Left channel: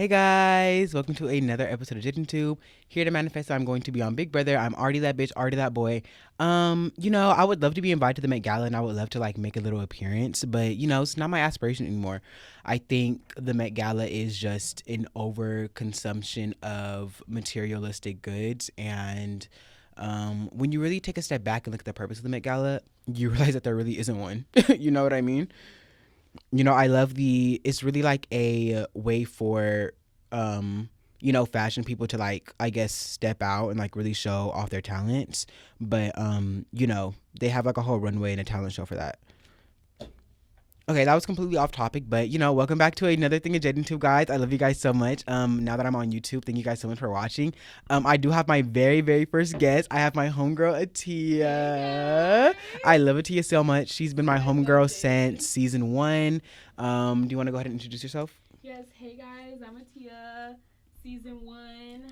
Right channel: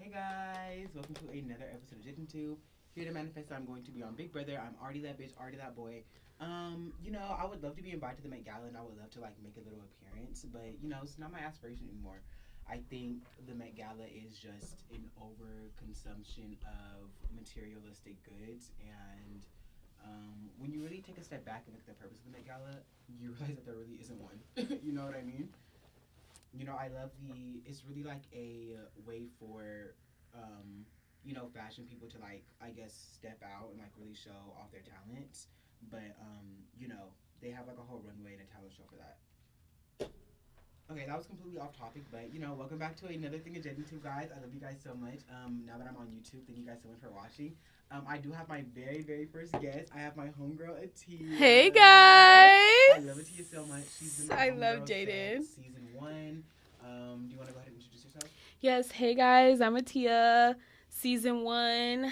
Hey guys, welcome to another episode of Jadenntube. Here to manifest, I'm going to be on Big Brother. I'm already that bitch, already that boy. I would love to be invited to the Met Gala and I would love to like make a little appearance, but it's not my aspiration anymore. I think the Met Gala is just an overconsumption of materialistic goods, and when you really take a step back and look at the purpose of the Met Gala, you realize that there really isn't one. You know what I mean? I love it's really like a way for, fashion people to like, I guess, step out and like really show off their talents. But, they have like a whole runway and a talent show for that. Okay, that was completely off topic, but welcome back to another thing of Jadenntube, guys. I love you guys so much. Now that I'm on YouTube, thank you guys so much for watching. I do have my very, very first guest. I have my homegirl Attiya. Hey guys! I love Attiya so much. She's been my I homegirl love since season 1. Do you want to go ahead and introduce yourself? Yes, hey guys, I'm Attiya, season 1.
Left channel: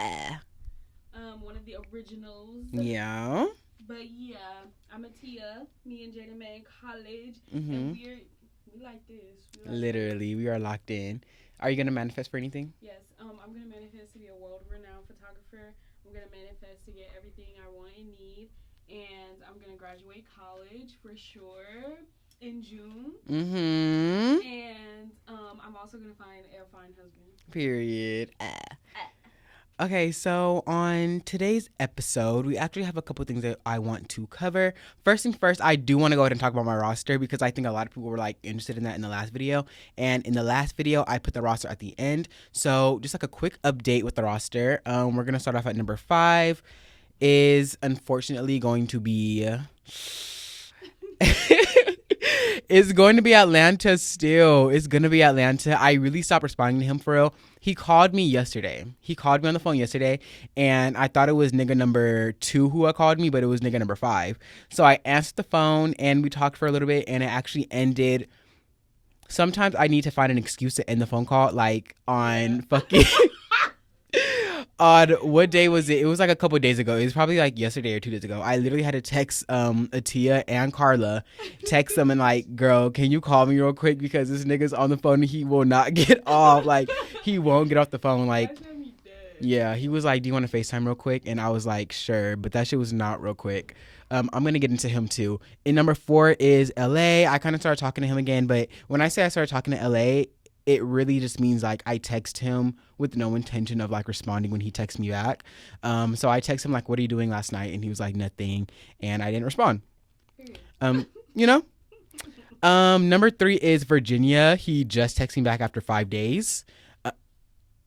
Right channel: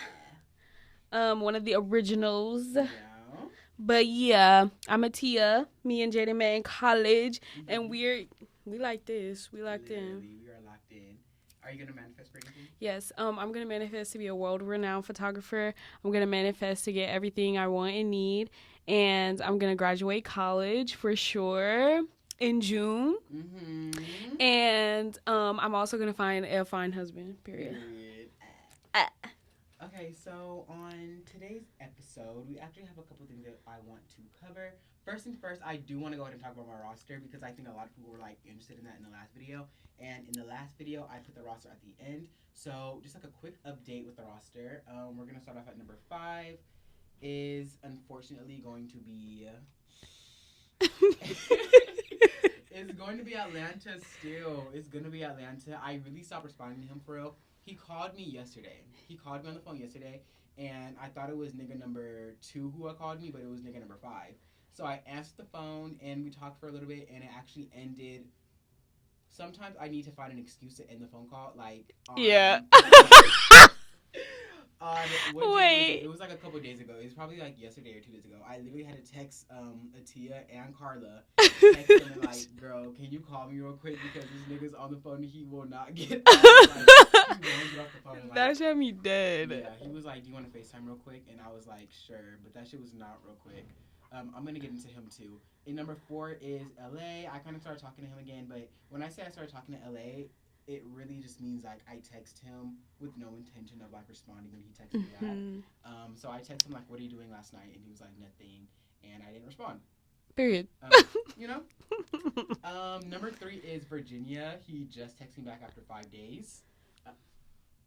One of the originals. Yeah. But yeah, I'm Attiya. Me and Jaden met in college, and we like this. We like Literally, we are locked in. Are you gonna manifest for anything? Yes, I'm gonna manifest to be a world-renowned photographer. I'm gonna manifest to get everything I want and need, and I'm gonna graduate college for sure in June. And I'm also gonna find a fine husband. Period. Okay, so on today's episode, we actually have a couple things that I want to cover. First things first, I do want to go ahead and talk about my roster because I think a lot of people were like interested in that in the last video. And in the last video, I put the roster at the end. So just like a quick update with the roster. We're going to start off at number 5 is unfortunately going to be... It's going to be Atlanta still. It's going to be Atlanta. I really stopped responding to him for real. He called me yesterday. He called me on the phone yesterday, and I thought it was nigga number 2 who had called me, but it was nigga number 5. So I answered the phone, and we talked for a little bit, and it actually ended. Sometimes I need to find an excuse to end the phone call, like on on what day was it? It was like a couple of days ago. It was probably like yesterday or 2 days ago. I literally had to text Attiya and Carla, text them and like, girl, can you call me real quick because this nigga's on the phone and he will not get off. Like he won't get off the phone. Like that shit had me dead. Yeah, he was like, do you want to FaceTime real quick? And I was like, sure, but that shit was not real quick. I'm gonna get into him too. In number 4 is LA. I kind of started talking to him again, but when I say I started talking to LA, it really just means like I text him with no intention of like responding when he texts me back. So I text him like, what are you doing last night? And he was like, nothing. And I didn't respond. Period. Number 3 is Virginia. He just texted me back after 5 days.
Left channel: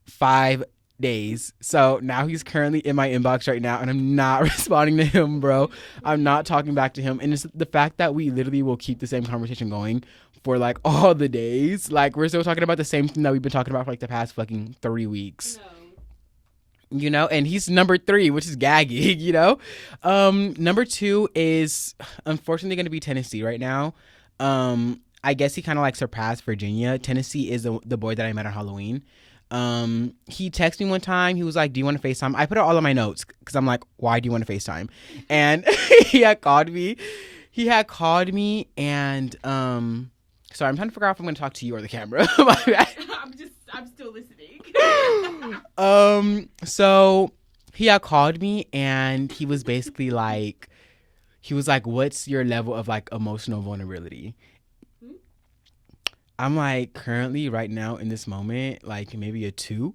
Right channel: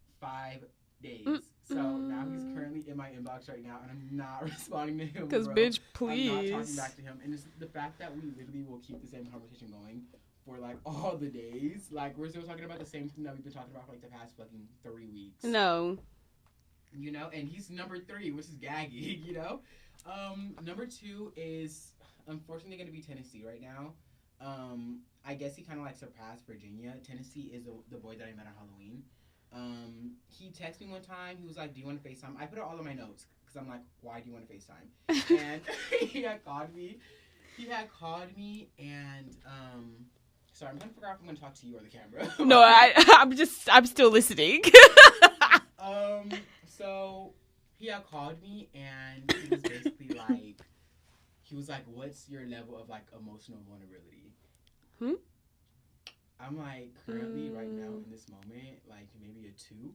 5 days. So now he's currently in my inbox right now and I'm not responding to him, bro. Bitch, I'm not talking back to him. And it's the fact that we literally will keep the same conversation going for like all the days. Like we're still talking about the same thing that we've been talking about for like the past fucking 3 weeks. No. And he's number 3, which is gagging, Number 2 is unfortunately going to be Tennessee right now. I guess he kind of like surpassed Virginia. Tennessee is the boy that I met on Halloween. He texted me one time. He was like, do you want to FaceTime? I put it all in my notes because I'm like, why do you want to FaceTime? And he had called me. And sorry, I'm trying to figure out if I'm going to talk to you or the camera. I'm still listening. So he had called me and he was basically like, what's your level of like emotional vulnerability? I'm like, currently right now in this moment, like maybe a 2.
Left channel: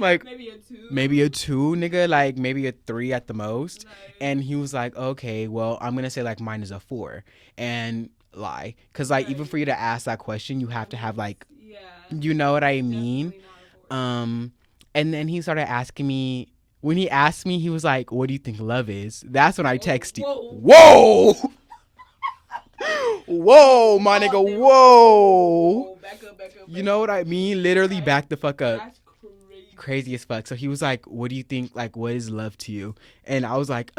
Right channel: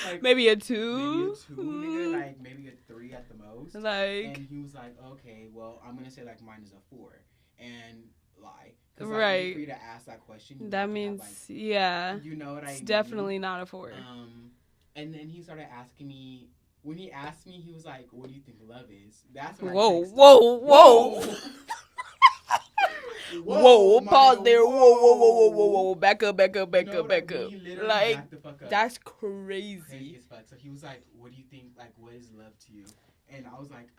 Like maybe a 2, nigga, like maybe a 3 at the most. Like, and he was like, okay, well, I'm gonna say like mine is a 4 and lie, because like even for you to ask that question, you have to have like, you know what I mean? Definitely not a 4. And then he started asking me. When he asked me, he was like, what do you think love is? That's when I texted. Whoa Whoa, my nigga, whoa. Back up. You know what I mean? Literally like, back the fuck up. That's crazy. Crazy as fuck. So he was like, what do you think, like, what is love to you? And I was like,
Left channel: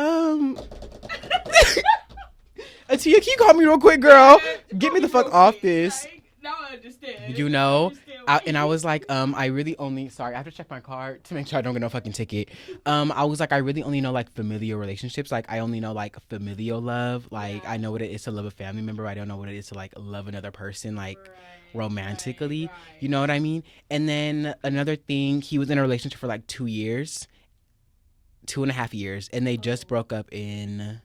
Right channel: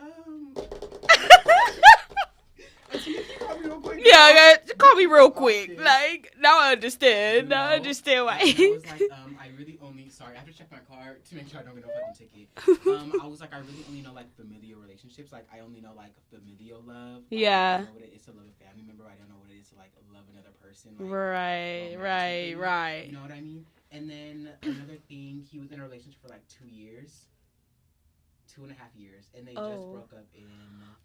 Attiya, can you call me real quick, girl? Yeah, Get call me me the real fuck off quick. this. Like, now I understand. You Now I know, understand why. and I was like, I really only, sorry, I have to check my card to make sure I don't get no fucking ticket. I was like, I really only know like familial relationships. Like, I only know like familial love. Like, Yeah. I know what it is to love a family member. I don't know what it is to like love another person, like right, romantically. Right. You know what I mean? And then another thing, he was in a relationship for like 2 years, 2.5 years, and they just broke up in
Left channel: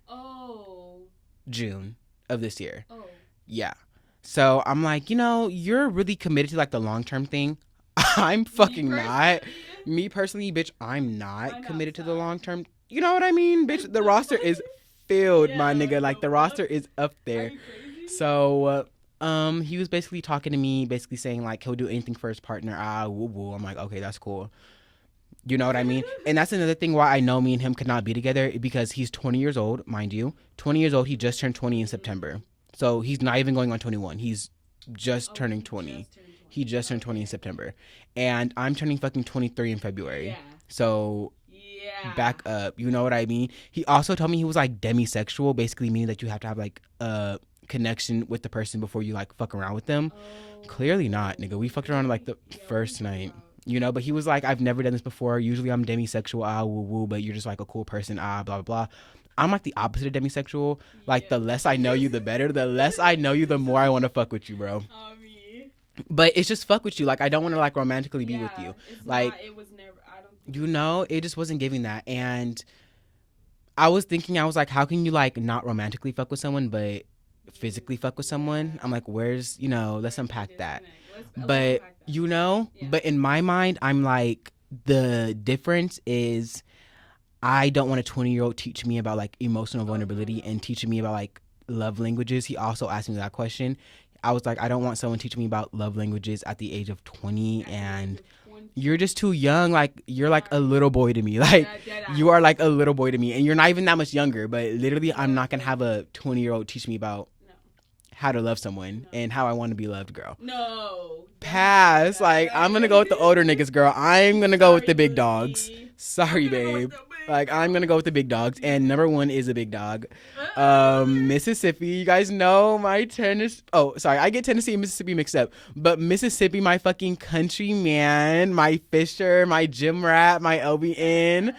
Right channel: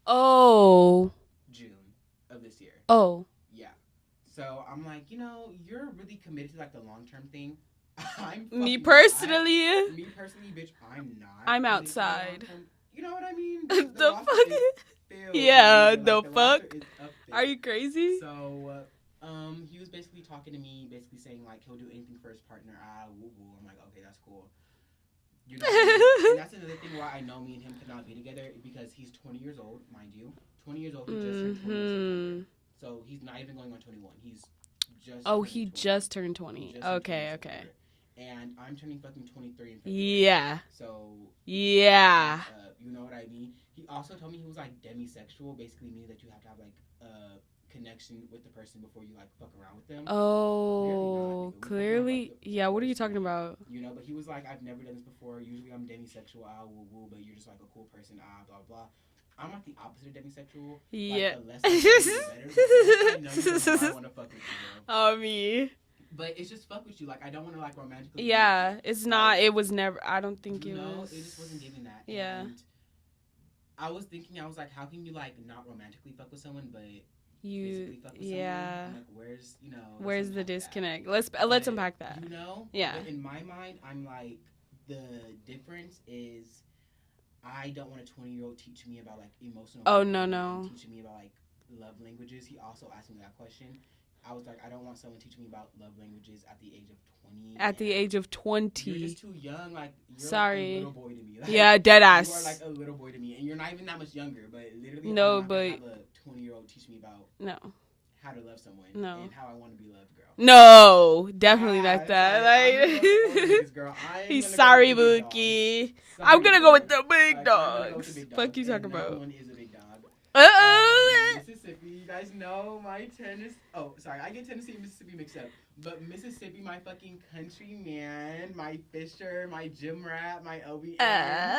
June of this year. Yeah. So I'm like, you're really committed to like the long-term thing. I'm fucking not. Me personally, bitch, I'm not committed to the long-term. You know what I mean? Bitch, the roster is filled, my nigga. Like the roster is up there. Are you crazy? So, he was basically talking to me, basically saying like he'll do anything for his partner. Woo woo. I'm like, okay, that's cool. You know what I mean? And that's another thing why I know me and him could not be together, because he's 20 years old, mind you. 20 years old. He just turned 20 in September. So he's not even going on 21. He's just turning 20. He just turned 20. He just turned 20 in September. And I'm turning fucking 23 in February. Yeah. So back up. You know what I mean? He also told me he was like demisexual, basically meaning that you have to have like a connection with the person before you like fuck around with them. Clearly not, nigga. We fucked around like the first what are you talking night. about? But he was like, I've never done this before. Usually I'm demisexual, woo woo, but you're just like a cool person, blah blah blah. I'm like the opposite of demisexual. Yeah. Like the less I know you, the better. The less I know you, the more I want to fuck with you, bro. Me. But it's just fuck with you. Like I don't want to like romantically be with you. It's like, not. It was never. I don't think. It just wasn't giving that. Yeah. And I was thinking, I was like, how can you like not romantically fuck with someone, but physically fuck with someone? I'm like, let's unpack that. Let's unpack that. Yeah. But in my mind, I'm like, the difference is, I don't want a 20-year-old teach me about like emotional vulnerability and teaching me about like love languages. He also asked me that question. I was like, I don't want someone teaching me about love languages at the age of 20. At the age of 20. You're just too young. Like, you're like a little boy to me. Like, dead ass. You are like a little boy to me. And you're not even that much younger. But literally, I'm not going to have a 20-year-old teach me about how to love someone and how I want to be loved, girl. No, definitely. Like I'm going to go with the older niggas, girl. I'm going to go with the big dogs. Sorry, I'm going to go with the big dogs. I'm going to go with the big dogs. And number one is a big dog. Mississippi. You guys know my Tennessee. Oh, sorry. I get Tennessee and Mississippi mixed up. But Mississippi, my fucking country man, my Fisher, my gym rat, my LBN.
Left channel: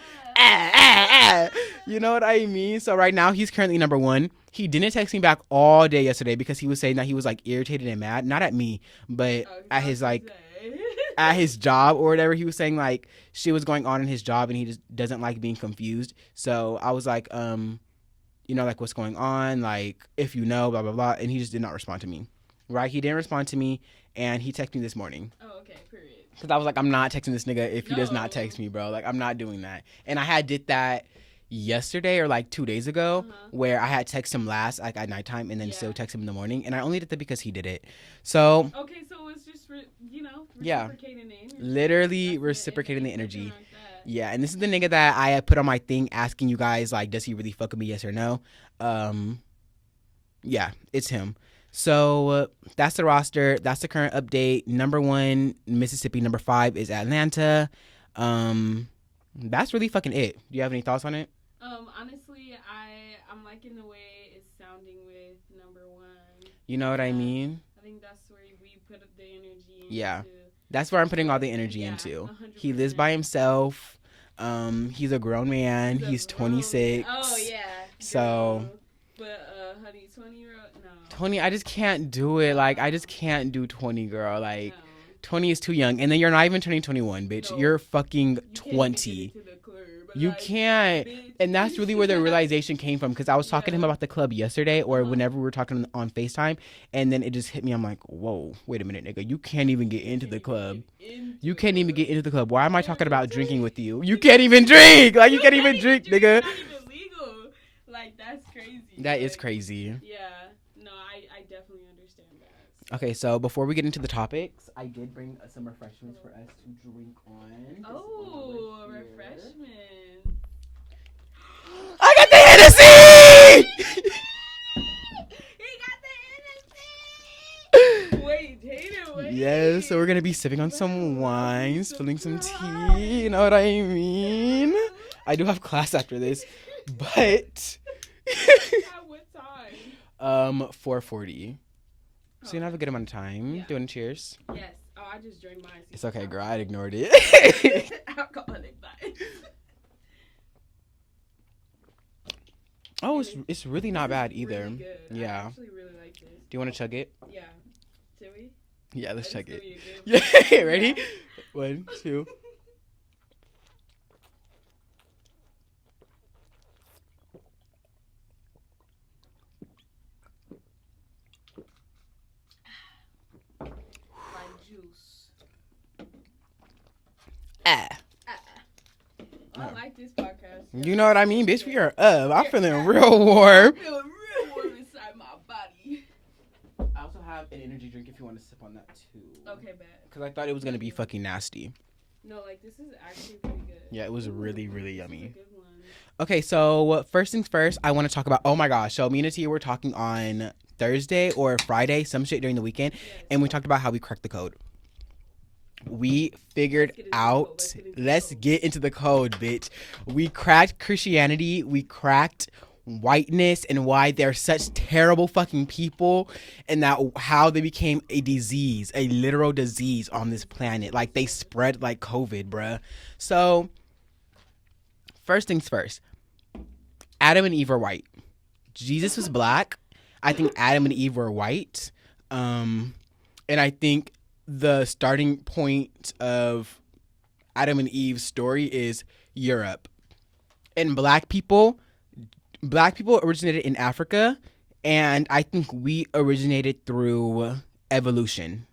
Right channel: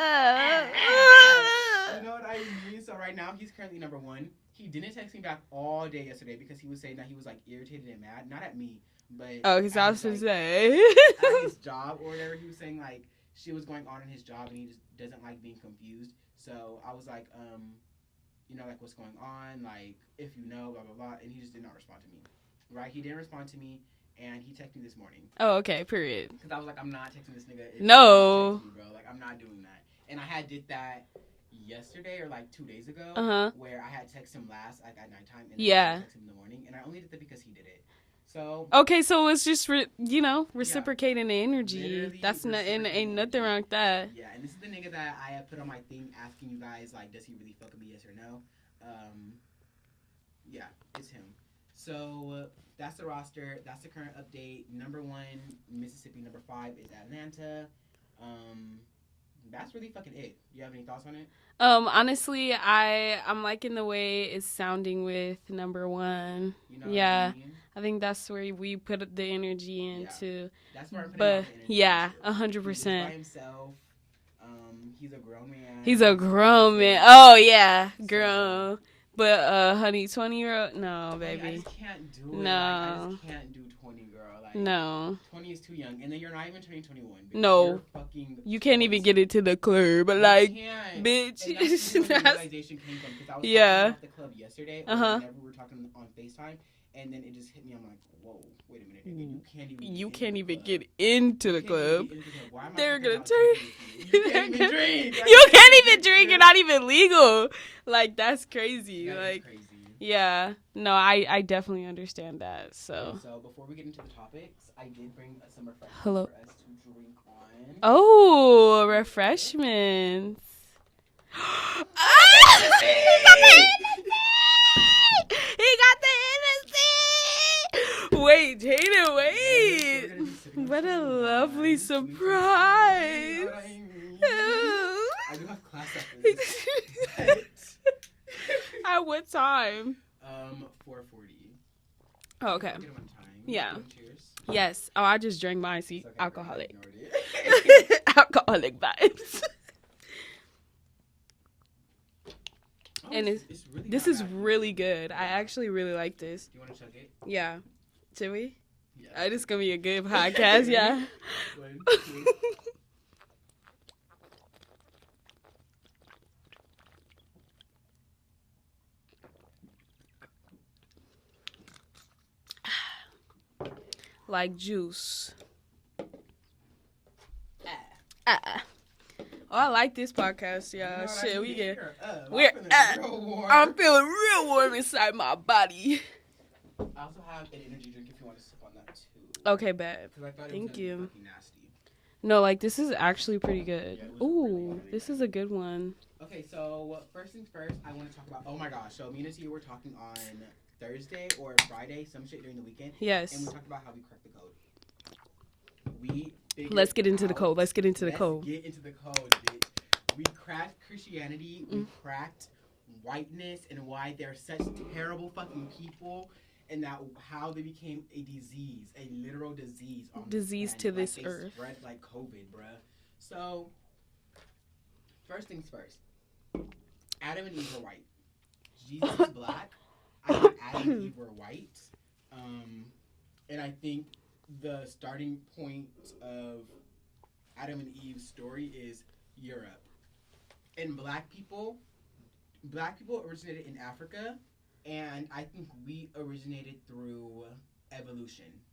You know what I mean? So right now, he's currently number one. He didn't text me back all day yesterday because he was saying that he was like irritated and mad. Not at me, but at his like at his job or whatever. He was saying like shit was going on in his job and he just doesn't like being confused. So I was like, like what's going on? Like if you know, blah blah blah. And he just did not respond to me. Right? He didn't respond to me, and he texted me this morning. Oh, okay. Period. Because I was like, I'm not texting this nigga if he does not text me, bro. Like I'm not doing that. And I had did that yesterday or like 2 days ago where I had texted him last like at nighttime and then still text him in the morning, and I only did that because he did it. So so it's just reciprocating the energy. Literally reciprocating the energy. Ain't nothing wrong with that. Yeah, and this is the nigga that I had put on my thing asking you guys like, does he really fuck with me, yes or no? Yeah, it's him. So that's the roster. That's the current update. Number 1 Mississippi, number 5 is Atlanta. That's really fucking it. Do you have any thoughts on it? Honestly, I'm liking the way it's sounding with number 1. You know what I mean? I think that's where we put the energy into. Yeah, that's where I'm putting all the energy into. 100%. He lives by himself. He's a grown man. He's a grown 26. man. Oh yeah, girl. But honey, 20-year-old, no. 20, baby. I just can't do it. No. Like, I just can't do 20, girl. Like, no. 20 is too young. And then you're not even turning 21, bitch. No. You're fucking You can't 20. even get into the club. But you can't. Bitch. And that's really where the realization came from. Because I was talking about the club yesterday or whenever we were talking on FaceTime. And then it just hit me. I'm like, whoa, wait a minute, nigga. You can't even get into the club. You can't even get into the club. Why am I talking about drinking with you? You can't even drink. Like, you can't even drink. You're not even legal. Like, that's crazy. That is crazy. Yeah. No, I definitely understand that. So. Okay, so before we get into the topics, I did bring some refreshments for us to drink on. Oh, refreshments. I got the Hennessy! He got the Hennessy! Wait, Jaden, wait. Yeah, so we're going to be sipping on some wine, spilling some tea. You know what I mean? I do have class after this, but at what time? 4:40. So Oh, you okay. have a good amount of time. Yeah. Doing cheers. Yes. Oh, I just drank mine. See, It's okay, girl. I alcoholic. ignored it. Alcoholic vibes. Oh, And it's really This not is bad either. really good. I Yeah. actually really like this. Do you want to chug it? Yeah. Should we? Yeah, Oh, let's this chug is gonna it. be a good podcast. Ready? Yeah. 1, 2. Like juice. Ah. Oh, I like this podcast. Yeah. You know what I Shit, mean, we bitch? can- We are up. I'm We're feeling up. real I'm warm. feeling real warm inside my body. I also have an energy drink if you want to sip on that too. Okay, bet. Because I thought it was Thank gonna be you. fucking nasty. No, like this is actually pretty good. Yeah, it was really, really This is yummy. a good one. Okay, so first things first, I want to talk about. Oh my gosh! So me and Attiya were talking on Thursday or Friday, some shit during the weekend, Yes. and we talked about how we cracked the code. We figured Let's get into the out. code. Let's get into the Let's code. get into the code, bitch. We cracked Christianity. We cracked whiteness and why they're such terrible fucking people, and that how they became a disease, a literal disease on this Disease planet. to Like this they earth. spread like COVID, bruh. So first things first. Adam and Eve are white. Jesus was black. I think Adam and Eve were white. And I think the starting point of Adam and Eve's story is Europe. And black people originated in Africa, and I think we originated through evolution,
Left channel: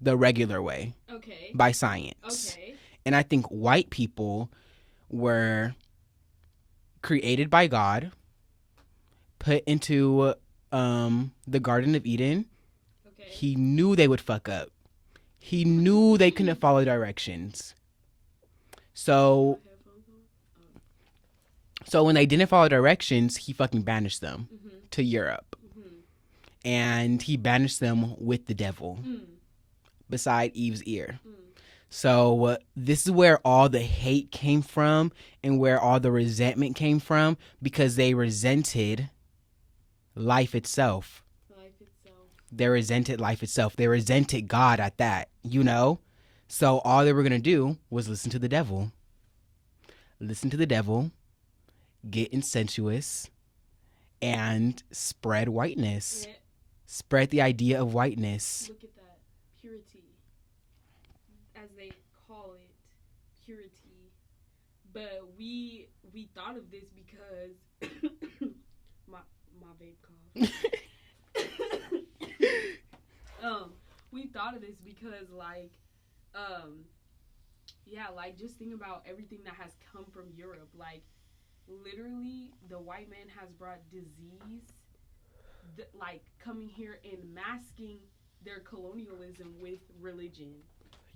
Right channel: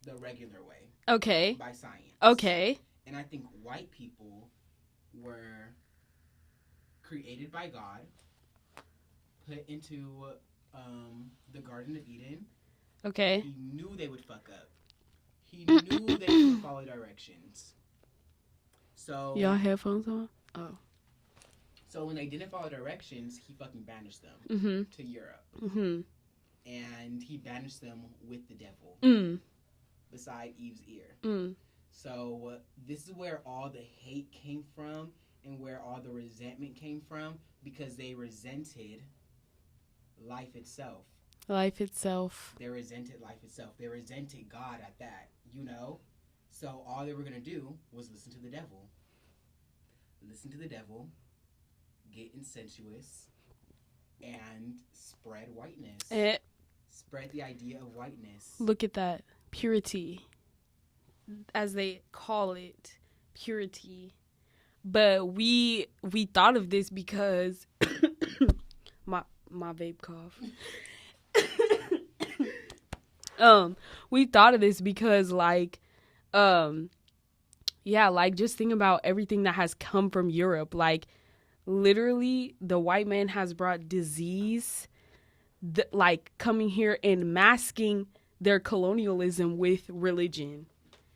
the regular way, Okay. by science. Okay. And I think white people were created by God, put into the Garden of Eden. Okay. He knew they would fuck up. He knew they couldn't follow directions. So Y'all headphones on? Oh. So when they didn't follow directions, he fucking banished them Mm-hmm. to Europe. Mm-hmm. And he banished them with the devil beside Eve's ear. So this is where all the hate came from and where all the resentment came from, because they resented life itself. Life itself. They resented life itself. They resented God at that, you know? So all they were going to do was listen to the devil. Listen to the devil, get insensuous, and spread whiteness. Spread the idea of whiteness. Look at that. Purity. As they call it. Purity. But we thought of this because my vape cough. We thought of this because like just think about everything that has come from Europe. Like literally the white man has brought disease, like coming here and masking their colonialism with religion.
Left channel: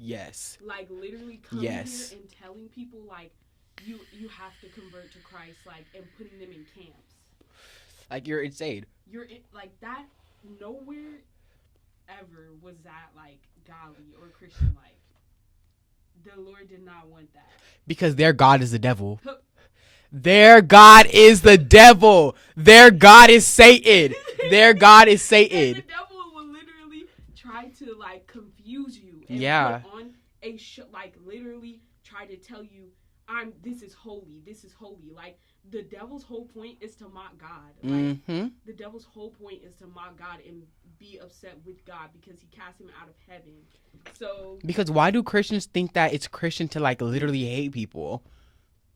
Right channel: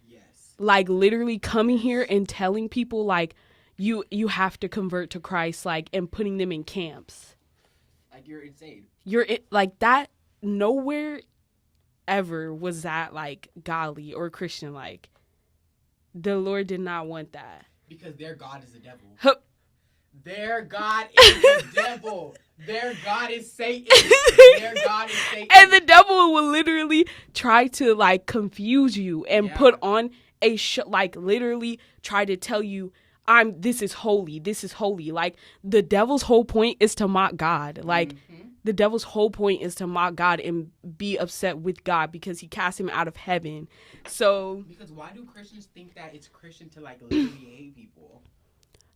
Yes. Like literally coming Yes. here and telling people like you have to convert to Christ, like, and putting them in camps. Like you're insane. Like that. Nowhere ever was that like godly or Christian. Like the Lord did not want that. Because their God is the devil. Huh. Their God is the devil. Their God is Satan. Their God is Satan. And the devil will literally try to like confuse you and put on a like literally try to tell you this is holy. This is holy. Like the devil's whole point is to mock God. Like the devil's whole point is to mock God and be upset with God because he cast him out of heaven. So because why do Christians think that it's Christian to like literally hate people?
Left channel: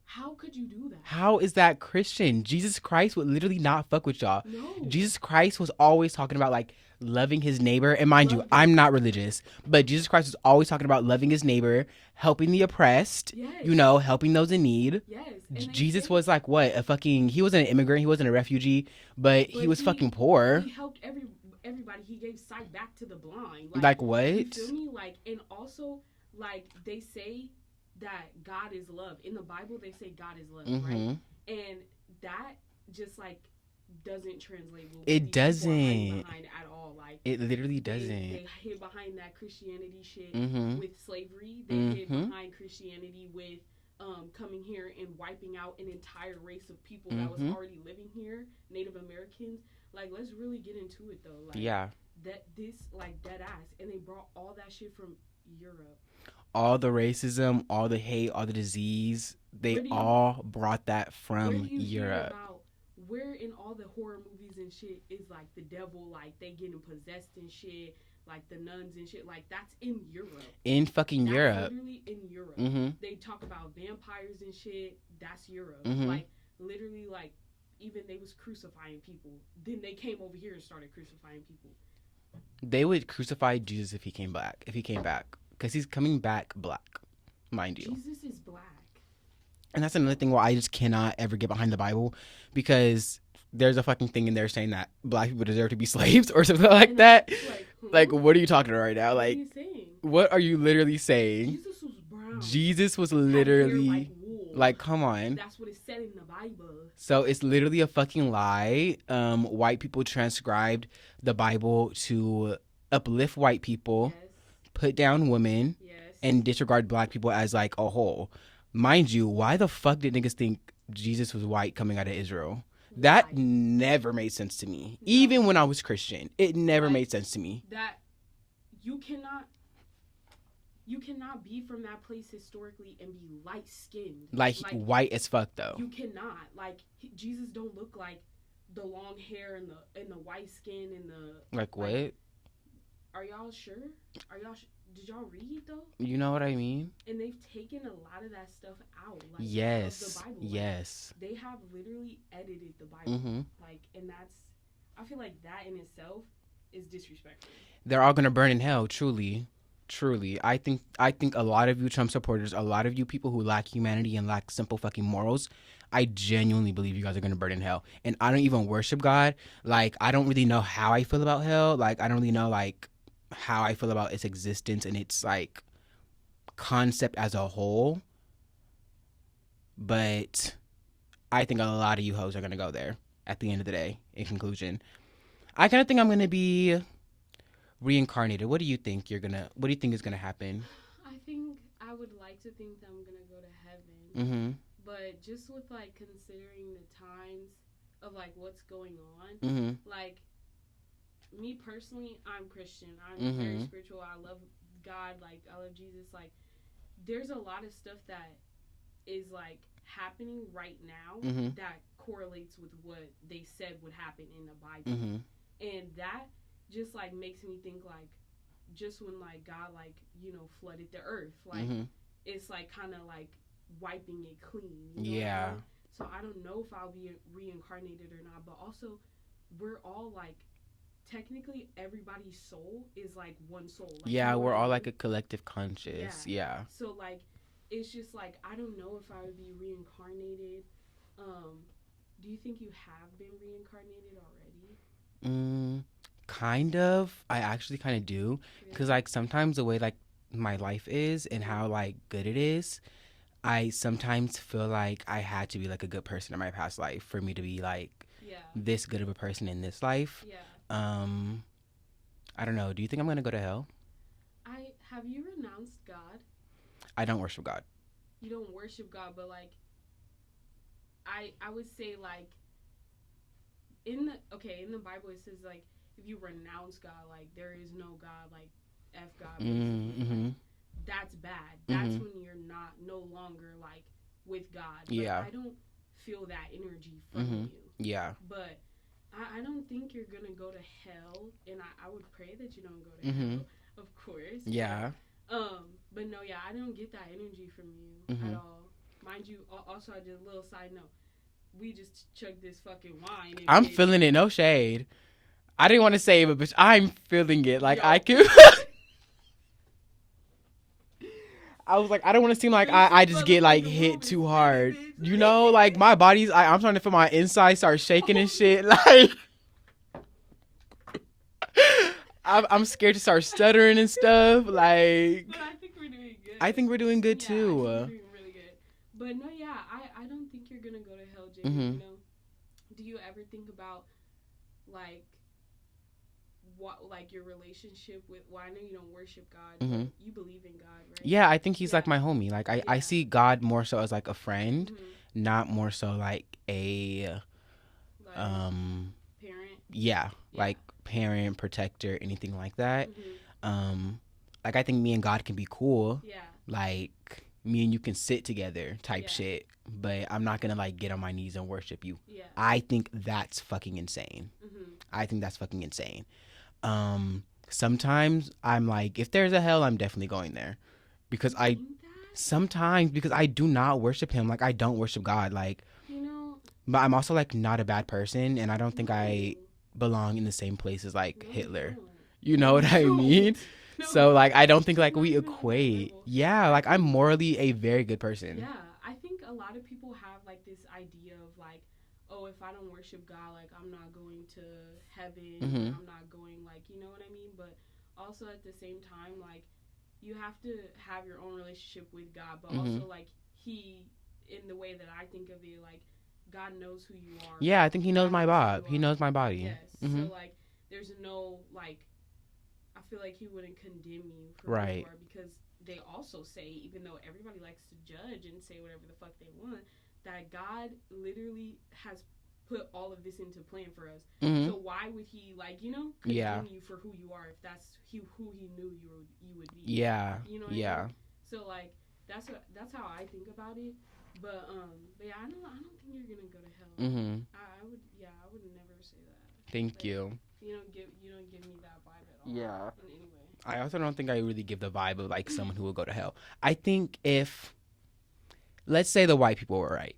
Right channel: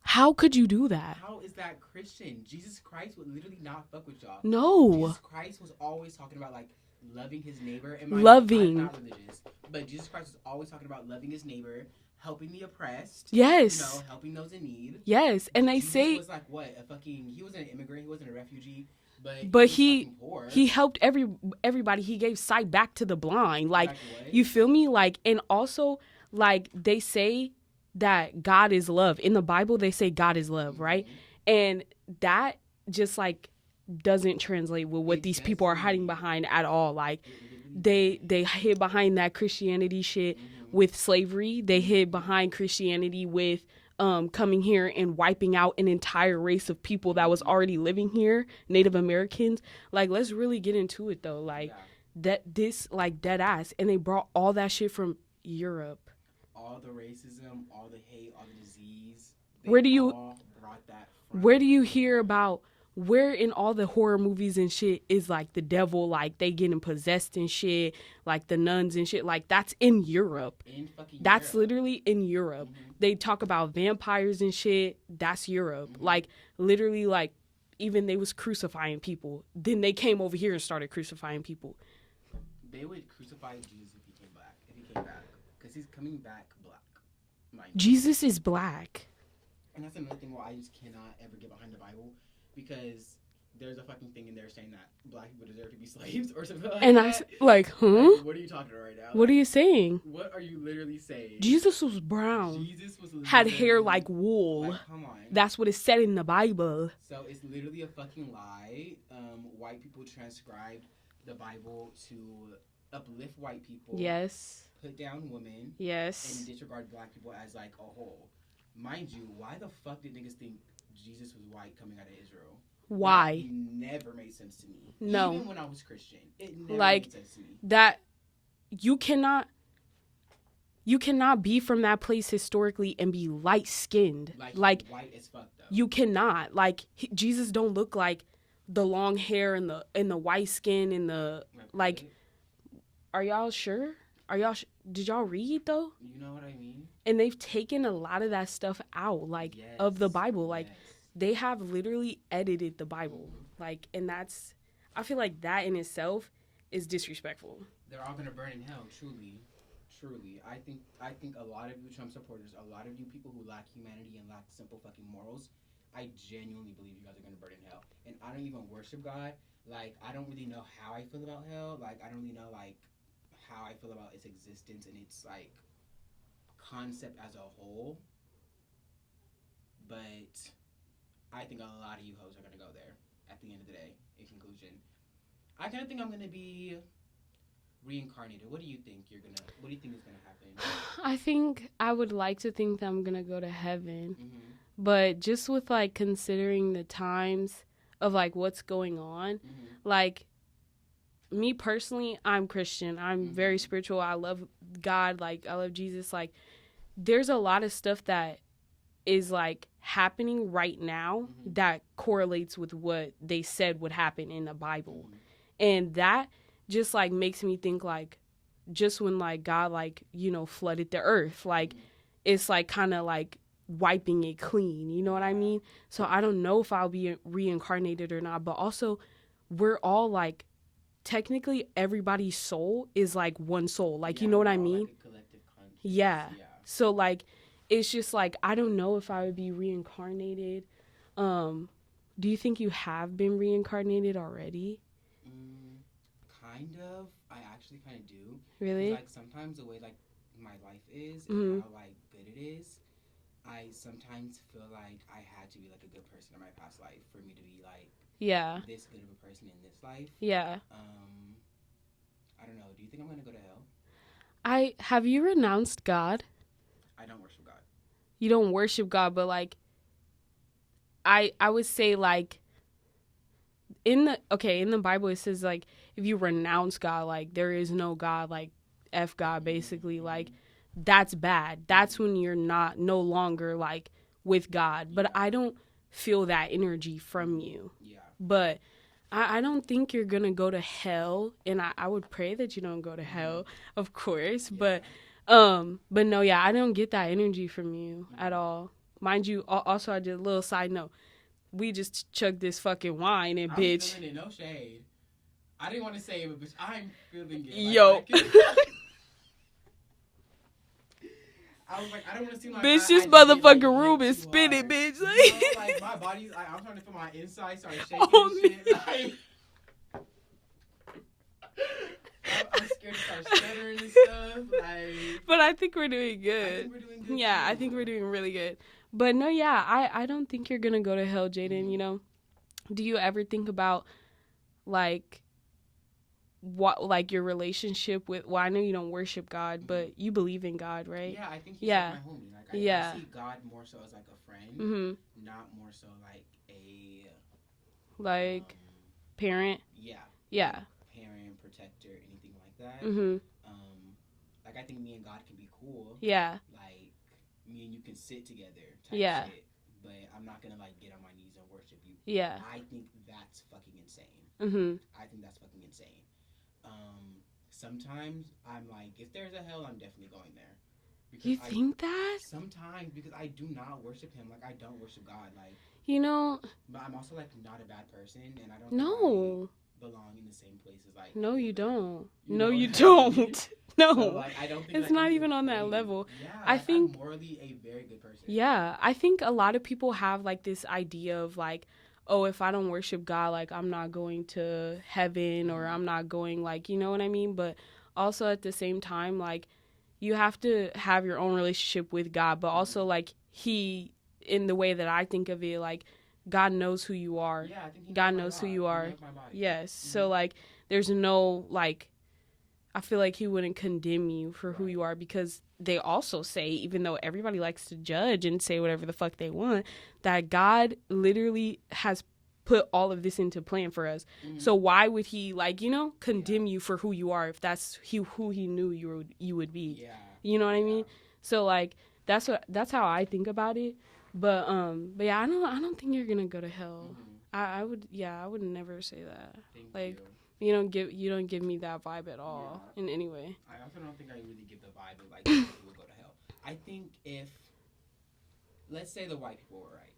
how could you do that? How is that Christian? Jesus Christ would literally not fuck with y'all. No. Jesus Christ was always talking about like loving his neighbor. And mind Loving. you, I'm not religious, but Jesus Christ was always talking about loving his neighbor, helping the oppressed. Yes. You know, helping those in need. Yes. And they Jesus say, was like what? He wasn't an immigrant, he wasn't a refugee, but he was fucking poor. He helped everybody. He gave sight back to the blind. Like what? You feel me? Like, and also like they say that God is love. In the Bible, they say God is love, right? And that just like doesn't translate with what these people are hiding behind at all. Like it literally doesn't. They hid behind that Christianity shit with slavery. They hid behind Christianity with coming here and wiping out an entire race of people that was already living here, Native Americans. Like, let's really get into it though. Like, dead ass, and they brought all that shit from Europe. All the racism, all the hate, all the disease, they all brought that from Where do you hear about, where in all the horror movies and shit is like the devil, like they getting possessed and shit, like the nuns and shit, like that's in Europe. In fucking Europe. Europe. That's literally in Europe. They talk about vampires and shit, that's Europe. Like literally, like even they was crucifying people. Then they came over here and started crucifying people. They would crucify Jesus if he came back. Because he's coming back black, mind you. Jesus is black. And that's another thing where I just cannot ever get behind the Bible, because there's a fucking thing in there saying that black people deserve to be slaves or something like that. Like, like, what are you talking about right now? What are you saying? What are you literally saying? Jesus was brown. Jesus was literally... had hair like wool. Like, come on. That's what it said in the Bible. So it's literally a fucking lie. White people transcribed the Bible to uplift white people. Yes. Put down women. Yes. And disregard black people as like a whole. Mind you, why the fuck did niggas think Jesus was white coming out of Israel? Why? That never made sense to me. No. Even when I was Christian, it never made sense to me. That you cannot be from that place historically and be light skinned. Like white as fuck though. You cannot. Like Jesus don't look like the long hair and the white skin and the like what? Are y'all sure? Did y'all read though? You know what I mean? And they've taken a lot of that stuff out, like of the Bible. Like they have literally edited the Bible. Like, and that's, I feel like that in itself is disrespectful. They're all gonna burn in hell, truly. I think a lot of you Trump supporters, a lot of you people who lack humanity and lack simple fucking morals, I genuinely believe you guys are gonna burn in hell. And I don't even worship God. Like, I don't really know how I feel about hell. Like, I don't really know like how I feel about its existence and its like concept as a whole, but I think a lot of you hoes are gonna go there at the end of the day. In conclusion, I kind of think I'm gonna be reincarnated. What do you think is gonna happen? I think I would like to think that I'm gonna go to heaven, but just with like considering the times of like what's going on, like me personally, I'm Christian. I'm very spiritual. I love God. Like, I love Jesus. Like, there's a lot of stuff that is like happening right now that correlates with what they said would happen in the Bible. And that just like makes me think like, just when like God like, you know, flooded the earth, like it's like kind of like wiping it clean. You know what I mean? So I don't know if I'll be reincarnated or not, but also we're all like, technically everybody's soul is like one soul, like, you know what I mean? We're all like a collective conscious. Yeah So like it's just like I don't know if I would be reincarnated. Do you think you have been reincarnated already? Kind of. I actually kind of do. Really? Because like sometimes the way like my life is and how like good it is, I sometimes feel like I had to be like a good person in my past life for me to be like this good of a person in this life. I don't know. Do you think I'm gonna go to hell? Have you renounced God? I don't worship God. You don't worship God, but like I would say like in the Bible it says like if you renounce God, like there is no God, like F God basically, like that's bad. That's when you're no longer like with God. But I don't feel that energy from you. But I don't think you're gonna go to hell, and I would pray that you don't go to hell, of course. But no, I don't get that energy from you at all. Mind you, also I did a little side note. We just chugged this fucking wine and I'm feeling it, no shade. I didn't want to say it, but bitch, I'm feeling it. Like I can I was like, I don't want to seem like I just get like hit too hard. Bitch. You know, like my body's, I'm trying to feel my insides start shaking and shit. Like, I'm scared to start stuttering and stuff. Like, but I think we're doing good. I think we're doing good too. Yeah, I think we're doing really good. But no, I don't think you're gonna go to hell, Jaden. You know, do you ever think about like what, like, your relationship with, well, I know you don't worship God, but you believe in God, right? Yeah, I think he's like my homie. Like I see God more so as like a friend, Mm-hmm. not more so like a like parent. Yeah, like parent, protector, anything like that. Like I think me and God can be cool. Yeah. Like me and you can sit together type shit. But I'm not gonna like get on my knees and worship you. Yeah. I think that's fucking insane. I think that's fucking insane. Sometimes I'm like, if there's a hell, I'm definitely going there. Because you think that? Sometimes because I do not worship him. Like I don't worship God. Like, you know. But I'm also like not a bad person, and I don't think I belong in the same place as like Hitler. You don't. You know what I mean? No. So like I don't think it's like not we even equate. On that level. Yeah, like I'm morally a very good person. Yeah, I think a lot of people have like this idea of like, oh, if I don't worship God, like I'm not going to heaven or I'm not going, like, you know what I mean? But also at the same time, like you have to have your own relationship with God, but also like he, in the way that I think of it, like God knows who you are. Yeah, I think he knows my body. He knows my body. Yes. So like there's no like, I feel like he wouldn't condemn you for who you are, because they also say, even though everybody likes to judge and say whatever the fuck they want, that God literally has put all of this into plan for us. So why would he, like, you know, condemn you for who you are if that's who he knew you would be? Yeah. You know what I mean? So like that's how I think about it. But yeah, I don't think you're gonna go to hell. I would never say that. Thank you. You don't give me that vibe at all. In any way. I also don't think I really give the vibe of like someone who will go to hell. I think if, let's say the white people were right.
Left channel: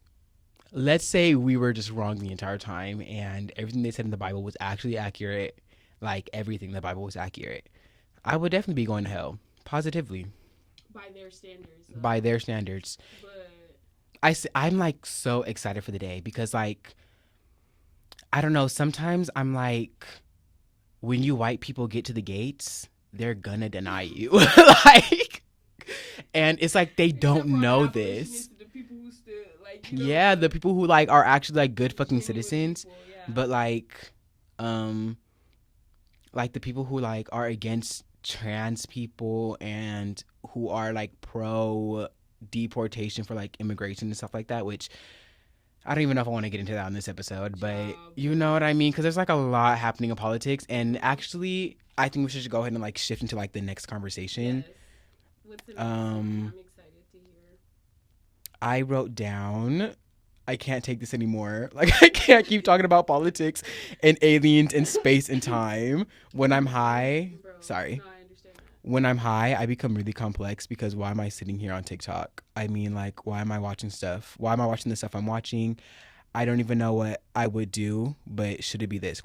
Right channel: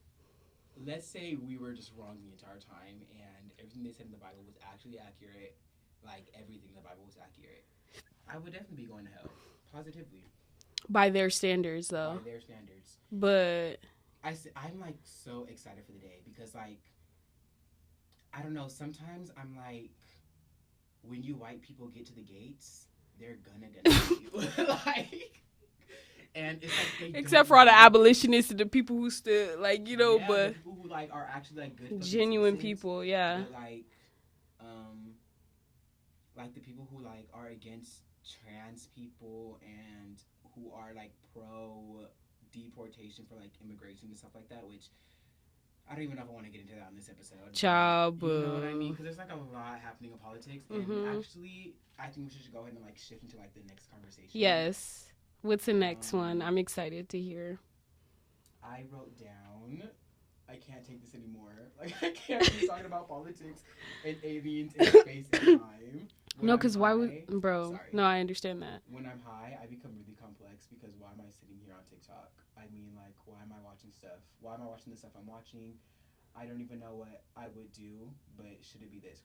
Let's say we were just wrong the entire time and everything they said in the Bible was actually accurate. Like everything in the Bible was accurate. I would definitely be going to hell. Positively. By their standards, though. By their standards. But I'm like so excited for the day because like, I don't know, sometimes I'm like, when you white people get to the gates, they're gonna deny you. Like, and it's like they don't know. Except for all the abolitionists and the people who still, like, you know. Yeah, the people who like are actually like good fucking citizens. People, yeah. But like the people who like are against trans people and who are like pro deportation for like immigration and stuff like that, which I don't even know if I want to get into that on this episode, but you know what I mean? Because there's like a lot happening in politics, and actually, I think we should go ahead and like shift into like the next conversation. Yes. What's the next one? I'm excited to hear. I wrote down, I can't take this anymore. Like I can't keep talking about politics and aliens and space and time. When I'm high, sorry. No, I understand that. When I'm high, I become really complex because why am I sitting here on TikTok? I mean, like, why am I watching stuff? Why am I watching the stuff I'm watching? I don't even know what I would do, but should it be this ?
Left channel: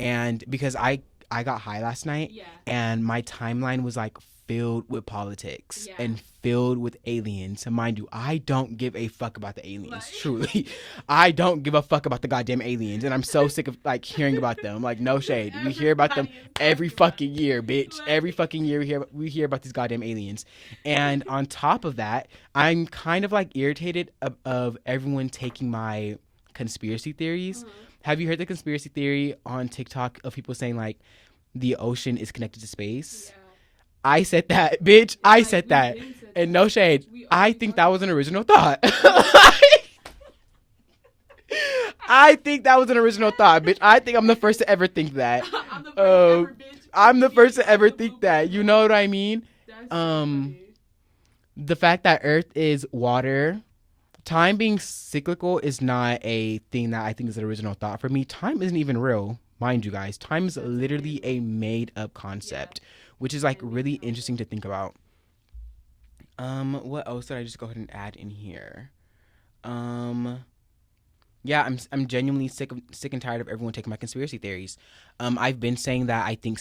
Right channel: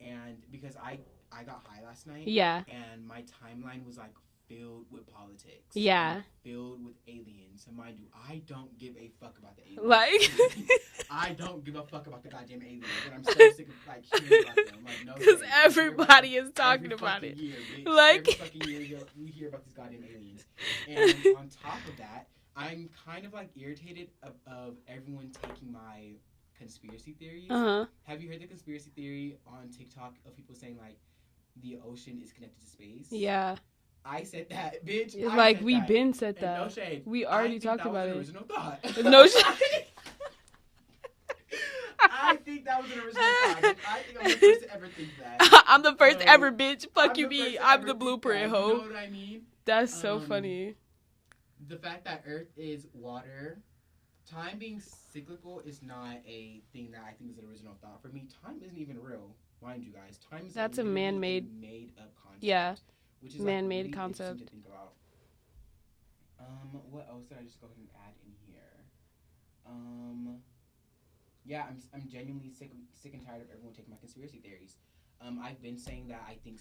And because I got high last night, and my timeline was like filled with politics, and filled with aliens. Mind you, I don't give a fuck about the aliens. Like, truly, I don't give a fuck about the goddamn aliens, and I'm so sick of like hearing about them. Like, no shade, we hear about them every fucking year, bitch. Like, every fucking year we hear about these goddamn aliens. And on top of that, I'm kind of like irritated of everyone taking my conspiracy theories. Have you heard the conspiracy theory on TikTok of people saying like the ocean is connected to space? Yeah. I said that, bitch. I said that. And no shade. I think that was an original thought. No shade. I think that was an original thought, bitch. I think I'm the first to ever think that. I'm the first ever, bitch. I'm the first to ever think that. You know what I mean? That's so funny. The fact that Earth is water, time being cyclical is not a thing that I think is an original thought for me. Time isn't even real, mind you guys. Time is literally a made-up concept. Yeah. Which is like really interesting to think about. What else did I just go ahead and add in here? Yeah, I'm genuinely sick and tired of everyone taking my conspiracy theories. I've been saying that I think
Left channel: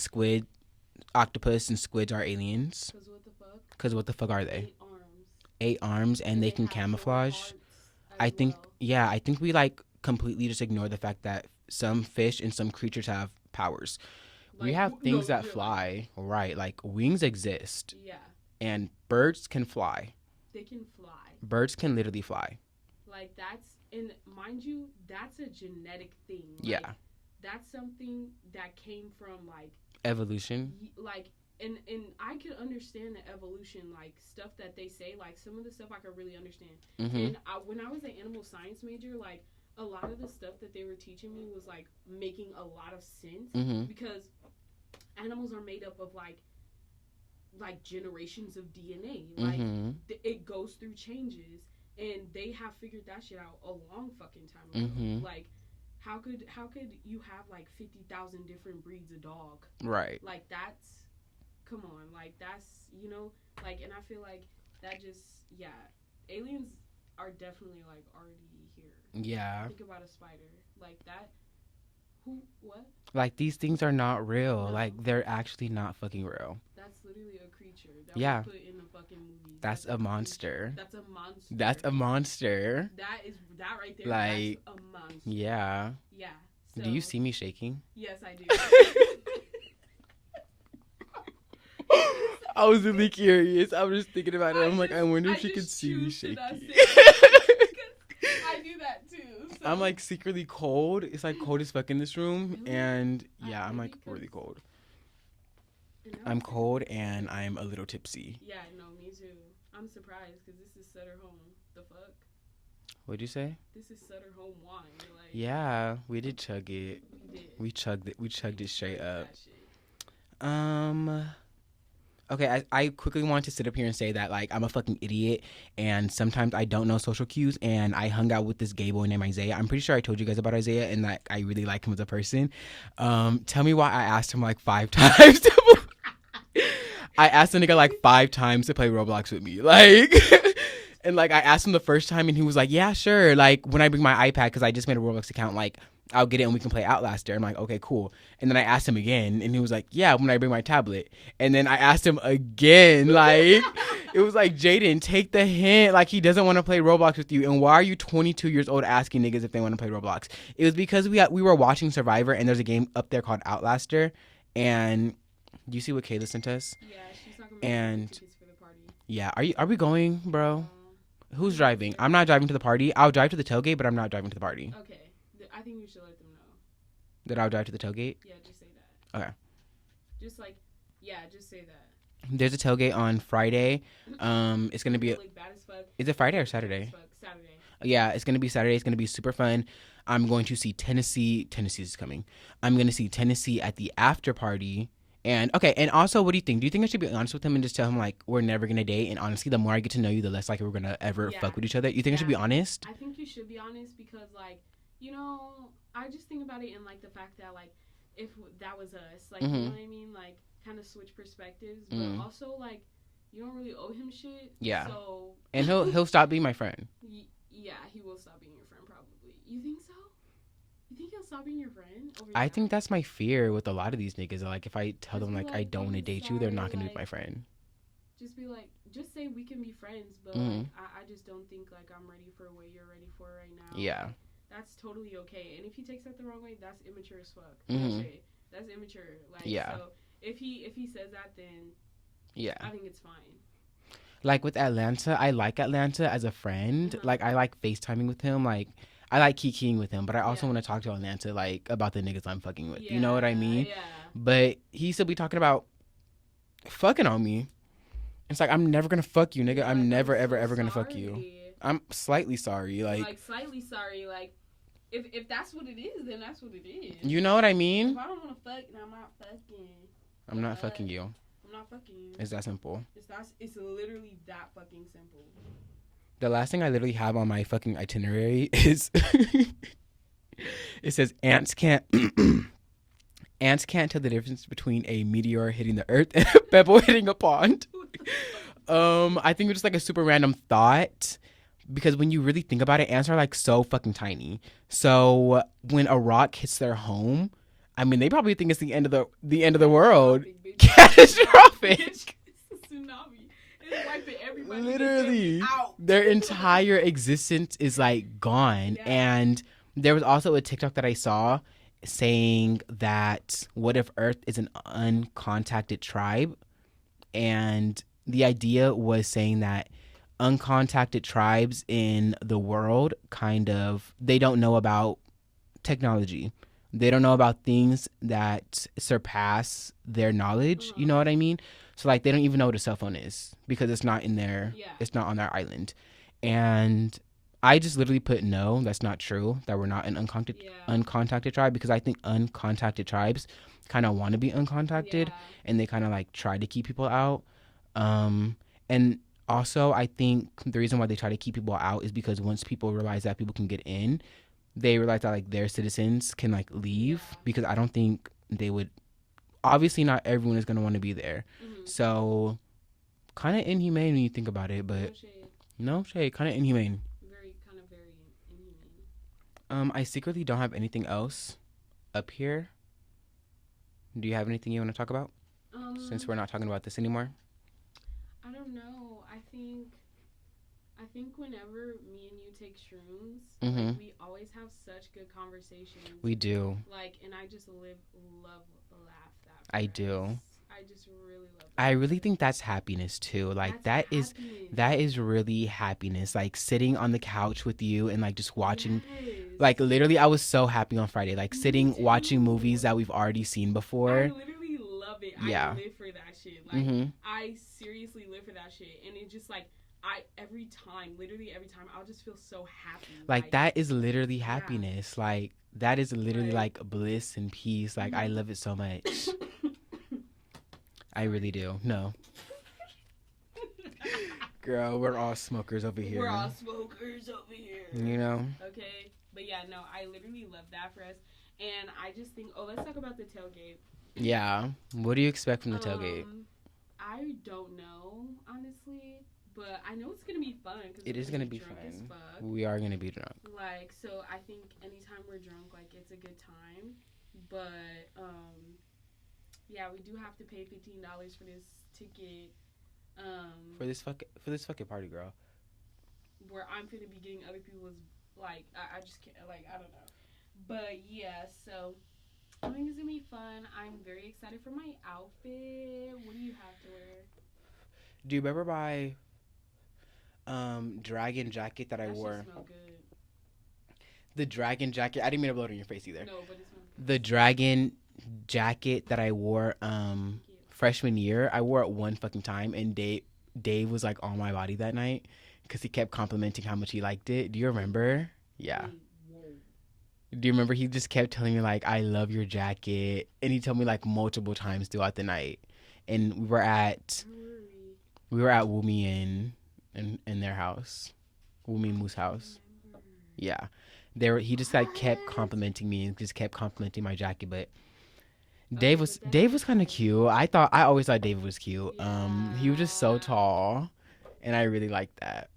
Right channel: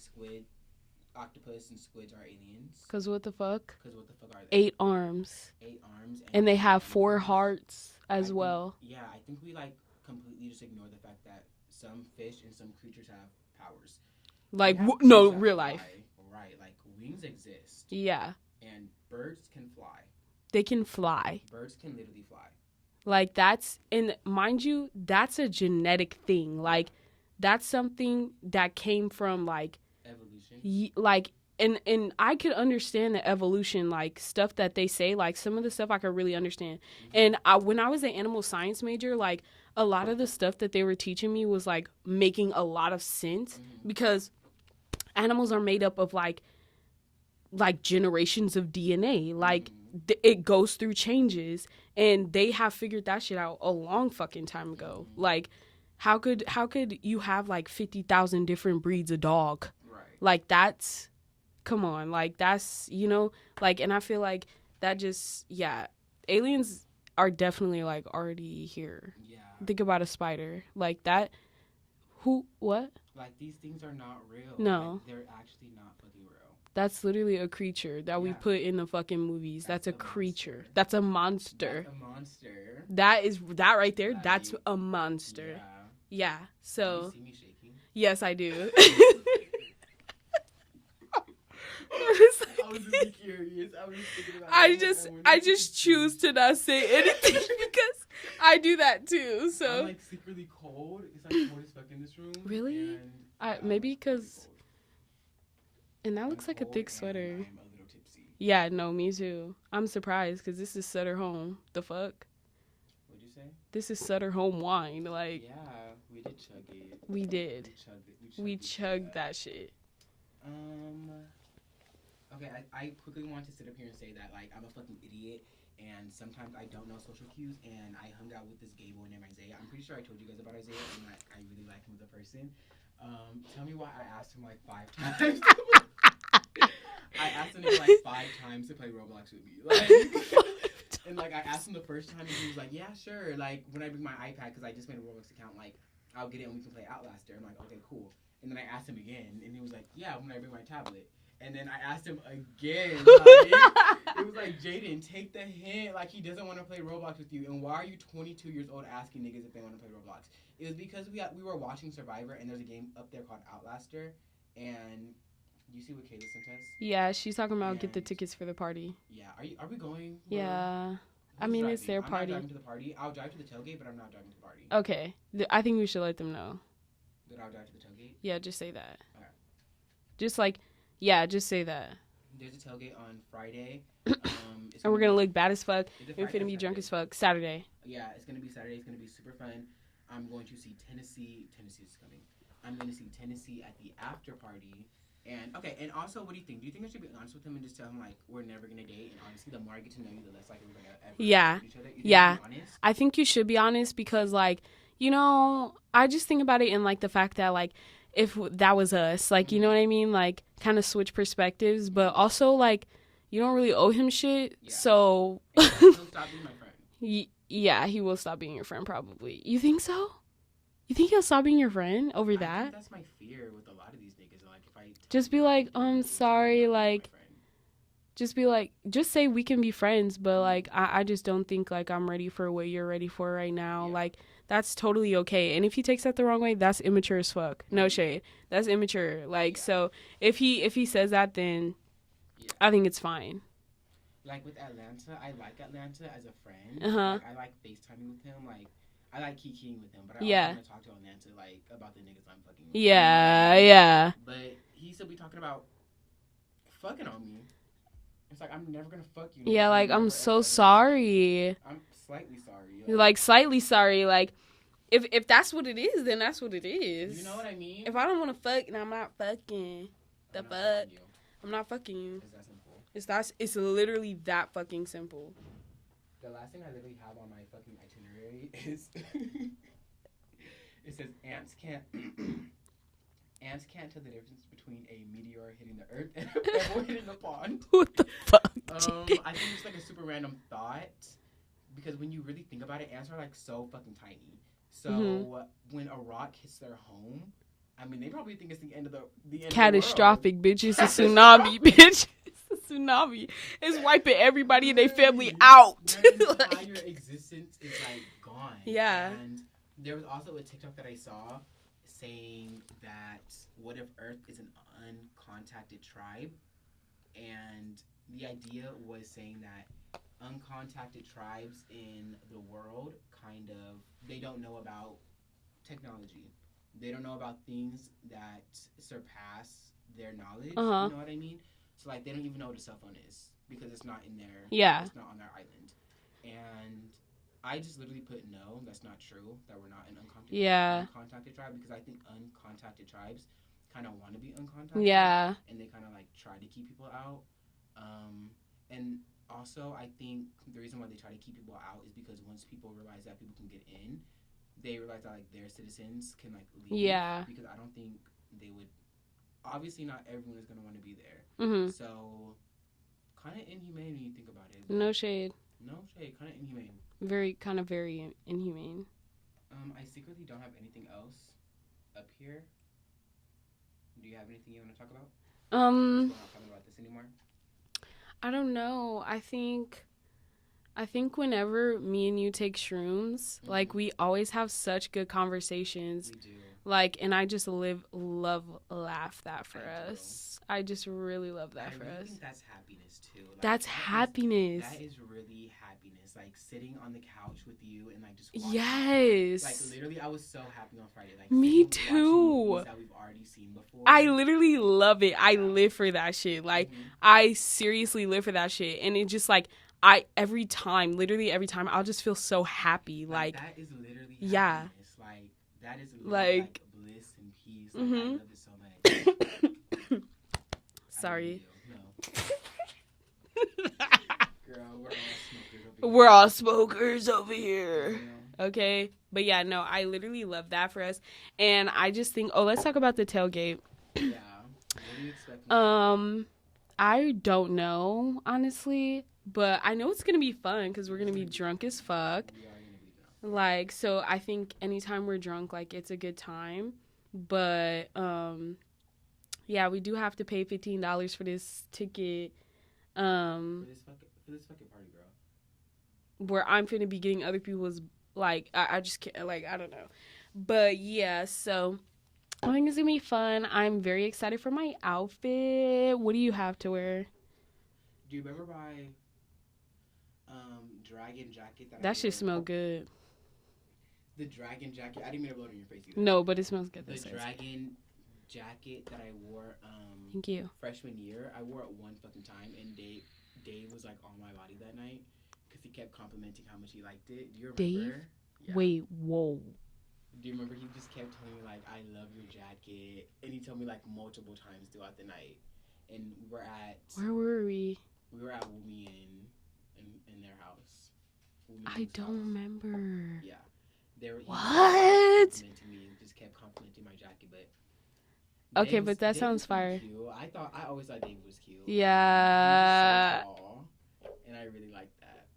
octopus and squids are aliens. Cause what the fuck? Cause what the fuck are they? 8 arms. 8 arms, and they can have camouflage. 4 hearts as well. Yeah, I think we like completely just ignore the fact that some fish and some creatures have powers. Like, real life. Right, like wings exist. Yeah. And birds can fly. They can fly. Birds can literally fly. Like, that's, and mind you, that's a genetic thing. Like, that's something that came from like evolution. Like, and I could understand the evolution, like stuff that they say, like some of the stuff I could really understand. And when I was an animal science major, like a lot of the stuff that they were teaching me was like making a lot of sense because animals are made up of like generations of DNA. Like it goes through changes, and they have figured that shit out a long fucking time ago. Like how could you have like 50,000 different breeds of dog? Right. Like that's, come on, like that's, you know, like, and I feel like that just, yeah, aliens are definitely like already here. Yeah. Think about a spider like that. What? Like, these things are not real. No. Like, they're actually not fucking real. That's literally a creature that we put in the fucking movies. That's a creature. Monster. That's a monster. That's a monster. That right there. Like, that's a monster. Yeah. Yeah. So. Do you see me shaking? Yes, I do. I was really curious. I was just thinking about it. I just choose to not say it because I do that too. So I'm like secretly cold. It's like cold as fuck in this room. Really? And yeah, maybe I'm like really cold. And that I'm looks cold like a thick and sweater. I'm a little tipsy. Yeah, no, me too. I'm surprised because this is Sutter Home. The fuck? What'd you say? This is Sutter Home wine. Like, yeah, we did chug it. We did. We chugged it. We chugged that shit. Okay, I quickly want to sit up here and say that, like, I'm a fucking idiot, and sometimes I don't know social cues, and I hung out with this gay boy named Isaiah. I'm pretty sure I told you guys about Isaiah, and that I really like him as a person. Tell me why I asked him, like, 5 times. I asked the nigga, like, 5 times to play Roblox with me. Like, and, like, I asked him the first time, and he was like, yeah, sure. Like, when I bring my iPad, because I just made a Roblox account, like, I'll get it and we can play Outlaster. I'm like, okay, cool. And then I asked him again, and he was like, yeah, when I bring my tablet. And then I asked him again, like, it was like, Jaden, take the hint. Like, he doesn't want to play Roblox with you. And why are you 22 years old asking niggas if they want to play Roblox? It was because we were watching Survivor, and there's a game up there called Outlaster. And do you see what Kayla sent us? Yeah, she's talking about get the tickets for the party. Yeah, are we going, bro? Yeah. Who's driving? I'm not driving to the party. I'll drive to the tailgate, but I'm not driving to the party. Okay. I think we should let them know. That I'll drive to the tailgate? Yeah, just say that. Okay. Just like, yeah, just say that. There's a tailgate on Friday. It's we're gonna look bad as fuck. Is it Friday or Saturday? As fuck. Saturday. Yeah, it's gonna be Saturday. It's gonna be super fun. I'm going to see Tennessee. Tennessee's coming. I'm gonna see Tennessee at the after party. And okay, and also, what do you think? Do you think I should be honest with him and just tell him, like, we're never gonna date? And honestly, the more I get to know you, the less likely we're gonna ever fuck with each other. You think I should be honest? I think you should be honest because, like, you know, I just think about it in, like, the fact that, like, if that was us, like, you know what I mean? Like, kind of switch perspectives, but also, like, you don't really owe him shit. Yeah. So. And he'll stop being my friend. Yeah, he will stop being your friend, probably. You think so? You think he'll stop being your friend over that? I think that's my fear with a lot of these niggas. Like, if I tell just them, be like, I don't want to date you, they're not gonna be my friend. Just be like, just say we can be friends, but, like, I just don't think, like, I'm ready for what you're ready for right now. Yeah. Like, that's totally okay. And if he takes that the wrong way, that's immature as fuck. No shade. That's immature. Like, so if he says that, then I think it's fine. Like, with Atlanta, I like Atlanta as a friend. Like, I like FaceTiming with him. Like, I like kikiing with him, but I also want to talk to Atlanta, like, about the niggas I'm fucking with. Yeah, you know what I mean? Yeah. But he still be talking about fucking on me. It's like, I'm never gonna fuck you, nigga. Yeah, like, I'm so sorry. I'm slightly sorry. Like, slightly sorry. Like, if that's what it is, then that's what it is. You know what I mean? If I don't want to fuck, then I'm not fucking. I'm not fucking you. I'm not fucking you. It's that simple. It's literally that fucking simple. The last thing I literally have on my fucking itinerary is it says ants can't tell the difference between a meteor hitting the earth and a pebble hitting a pond. What the fuck? I think it's just like a super random thought because when you really think about it, ants are like so fucking tiny. So when a rock hits their home, I mean, they probably think it's the end of the world. Catastrophic, bitch. It's a tsunami, bitch. Tsunami is wiping everybody in their family out. Their entire existence is like gone. Yeah. And there was also a TikTok that I saw saying that what if Earth is an uncontacted tribe? And the idea was saying that uncontacted tribes in the world they don't know about technology. They don't know about things that surpass their knowledge. You know what I mean? So like they don't even know what a cell phone is because it's not in their it's not on their island. And I just literally put no, that's not true, that we're not an uncontacted tribe, because I think uncontacted tribes kind of want to be uncontacted and they kind of like try to keep people out. And also I think the reason why they try to keep people out is because once people realize that people can get in, they realize that like their citizens can like leave, because I don't think they would, obviously not everyone is going to want to be there. So kind of inhumane when you think about it, but no shade, kind of inhumane, very inhumane. I secretly don't have anything else up here. Do you have anything you want to talk about since we're not talking about this anymore? I don't know. I think whenever me and you take shrooms, like we always have such good conversations. We do. Like, and I just love, laugh that for us. do. I just really love that. I really think that's happiness too. Like that's happiness. That is really happiness. Like sitting on the couch with you and like just watching. Yes. Like literally, I was so happy on Friday. Like sitting watching movies that we've already seen before. I literally love it. I live for that shit. Like I seriously live for that shit, and it just like. Literally every time, I'll just feel so happy. Like that is literally happiness. Like that is literally like bliss and peace. Like I love it so much. I really do. No. Girl, we're all smokers over here. You know? Okay. But yeah, no, I literally love that for us. And I just think, let's talk about the tailgate. Yeah. What do you expect from the tailgate? I don't know, honestly. But I know it's going to be fun because we're going to be drunk as fuck. We are going to be drunk. Like, so I think anytime we're drunk, like, it's a good time. But, yeah, we do have to pay $15 for this ticket. For this fucking party, girl. Where I'm going to be getting other people's, like, I just can't, like, I don't know. But, yeah, so I think it's going to be fun. I'm very excited for my outfit. What do you have to wear? Do you remember my... dragon jacket that I wore. That shit smell good. The dragon jacket. I didn't mean to blow it in your face either. No, but it smells good. The dragon jacket that I wore Thank you. Freshman year. I wore it one fucking time, and Dave was like on my body that night because he kept complimenting how much he liked it. Do you remember? Dave? Yeah. Wait, whoa. Do you remember? He just kept telling me like, "I love your jacket," and he told me like multiple times throughout the night. And we were at. Where were we? We were at Wumi in their house, Wumi Moo's house. I don't remember. Yeah, he just like kept complimenting me and just kept complimenting my jacket. But Dave was kind of cute. I always thought David was cute. Yeah, he was just so tall, and I really liked that.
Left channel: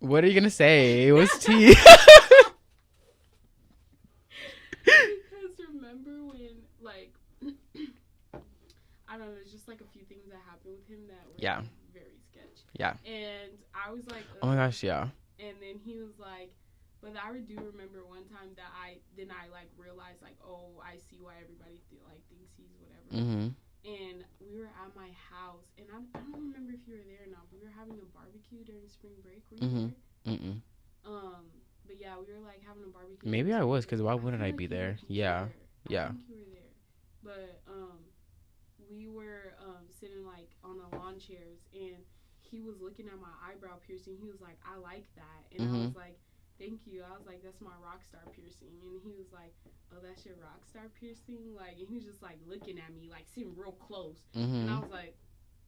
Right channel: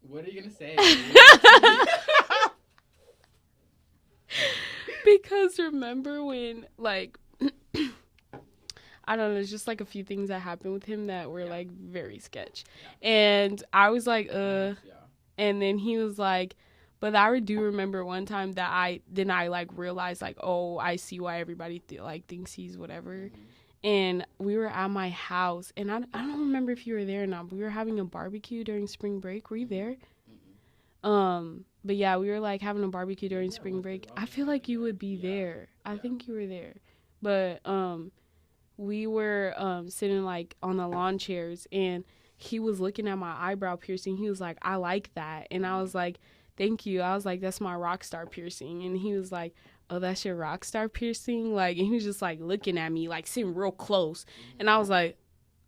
What are you gonna say? What's tea? Because remember when like. I don't know, it's just like a few things that happened with him that were like very sketch. Yeah. And I was like, oh my gosh, yeah. And then he was like, but I do remember one time that I like realized like, oh, I see why everybody thinks he's whatever. And we were at my house, and I don't remember if you were there or not, but we were having a barbecue during spring break. Were you there? But yeah, we were like having a barbecue during spring break. Maybe I was, because why wouldn't I feel like you would be there. I think you were there. But we were sitting like on the lawn chairs, and he was looking at my eyebrow piercing. He was like, I like that. And I was like, thank you. I was like, that's my rock star piercing. And he was like, oh, that's your rock star piercing? Like, and he was just like looking at me, like sitting real close. And I was like,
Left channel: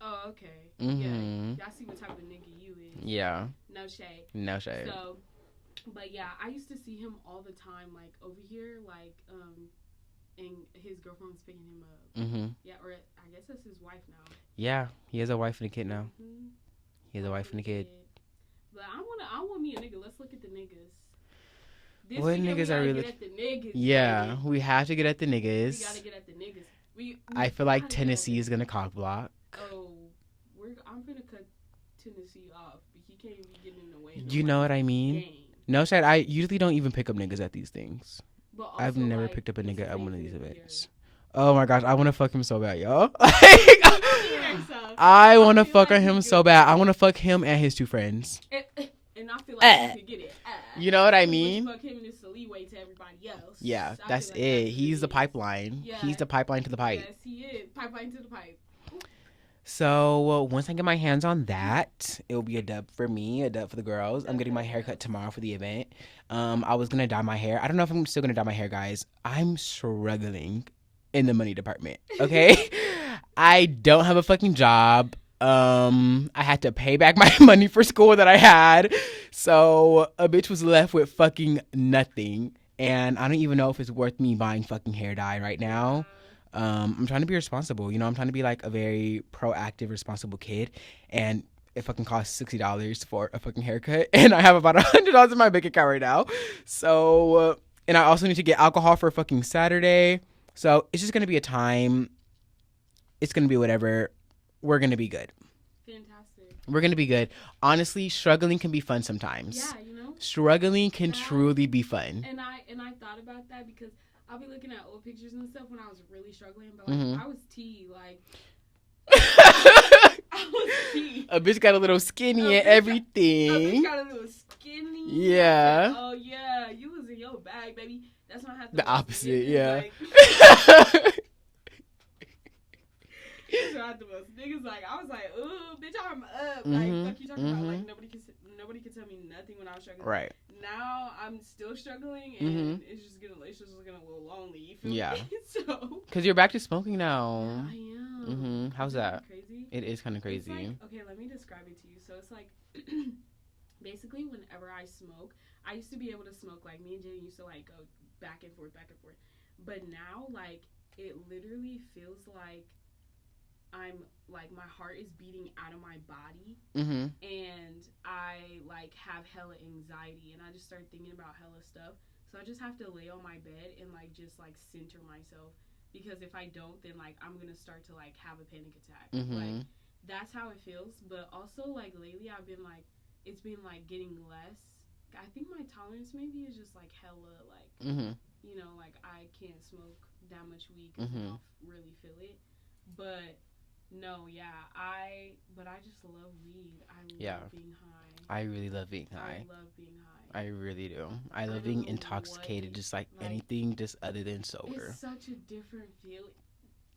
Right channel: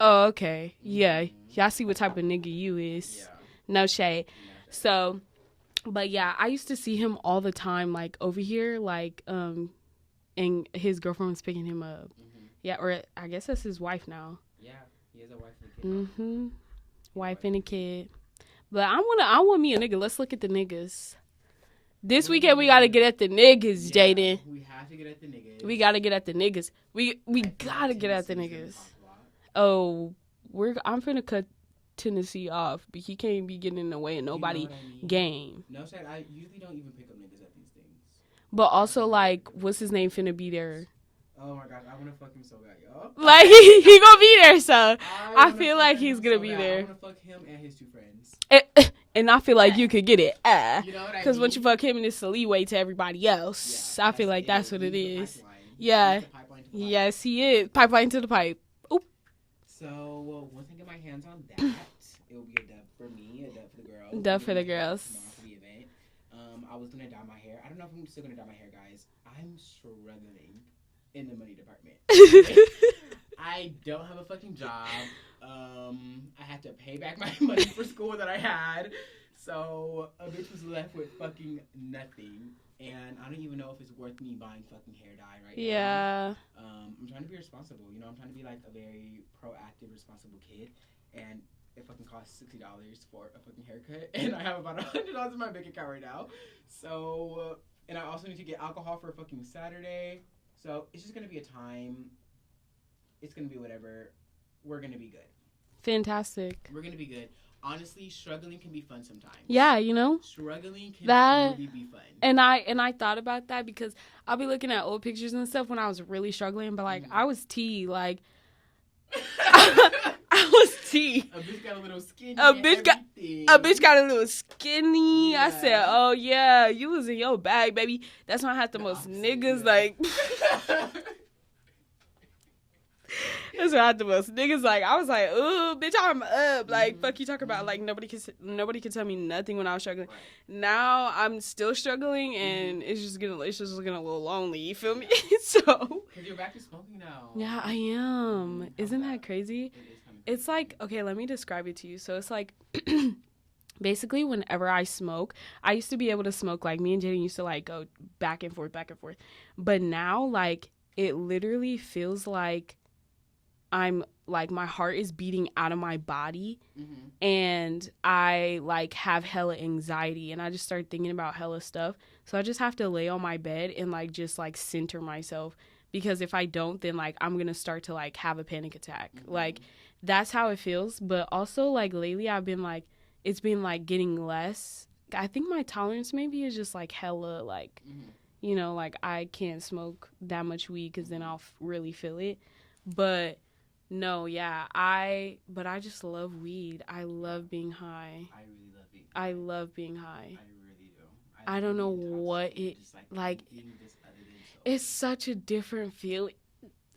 oh, okay. Yeah. Y'all see what type of nigga you is. Yeah. No shade. So, but yeah, I used to see him all the time, like over here, like, and his girlfriend was picking him up. Yeah, or I guess that's his wife now. Yeah, he has a wife and a kid now. Wife and a kid. But I want me a nigga. Let's look at the niggas. This weekend we gotta get at the niggas, Jaden. We have to get at the niggas. We gotta get at the niggas. I feel like Tennessee is gonna cock block. Oh, I'm finna cut Tennessee off, but he can't be getting in the way of nobody. You know what I mean? Game. No, Shad, I usually don't even pick up niggas at these things. But also, like, what's his name finna be there? Oh my gosh, I want to fuck him so bad, y'all. Like, he gonna be there, so. I want to fuck him so bad. I want to fuck him and his two friends. and I feel like you could get it. You know what I mean? Because once you fuck him, and it's a leeway to everybody else. Yeah, I feel like that's what it is. He's the pipeline. Yeah, he's the pipeline to the pipe. Yes, he is. Pipeline to the pipe. Oop. So once I get my hands on that, it'll be a dub for me, a dub for the girls. I'm getting my haircut tomorrow for the event. I was gonna dye my hair. I don't know if I'm still gonna dye my hair, guys. I'm struggling in the money department. Okay, I don't have a fucking job. I had to pay back my money for school that I had, so a bitch was left with fucking nothing. And I don't even know if it's worth me buying fucking hair dye right now. I'm trying to be responsible. You know, I'm trying to be like a very proactive, responsible kid. And it fucking costs $60 for a fucking haircut. And I have about $100 in my bank account right now. So, and I also need to get alcohol for fucking Saturday. So it's just going to be a time. It's going to be whatever. We're going to be good. Fantastic. We're going to be good. Honestly, struggling can be fun sometimes. Yeah, you know? Struggling can truly be fun. And I thought about that because I'll be looking at old pictures and stuff when I was really struggling, but like I was T, like I was T. A bitch got a little skinny and everything. A bitch got a little skinny. Yeah. I said, oh yeah, you was in your bag, baby. That's when I had the most opposite, niggas yeah. like That's what I had the most niggas like. I was like, ooh, bitch, I'm up. Like, fuck you talking about. Like, nobody can tell me nothing when I was struggling. Right. Now I'm still struggling, and it's just getting a little lonely. You feel me? Yeah. So. Because you're back to smoking now. Yeah, I am. Isn't that crazy? It is kind of crazy. It's like, okay, let me describe it to you. So it's like, basically, whenever I smoke, I used to be able to smoke. Like, me and Jaden used to like go back and forth, but now like it literally feels like I'm like my heart is beating out of my body and I like have hella anxiety and I just start thinking about hella stuff. So I just have to lay on my bed and like just like center myself, because if I don't, then like I'm gonna start to like have a panic attack. Like that's how it feels. But also like lately I've been like, it's been like getting less. I think my tolerance maybe is just like hella like you know, like I can't smoke that much weed because then I'll really feel it. But no, yeah, I just love weed. I love being high. I really love being high. I love being high. I really do. I love don't know being intoxicated, what just like anything just other than sober. It's such a different feeling.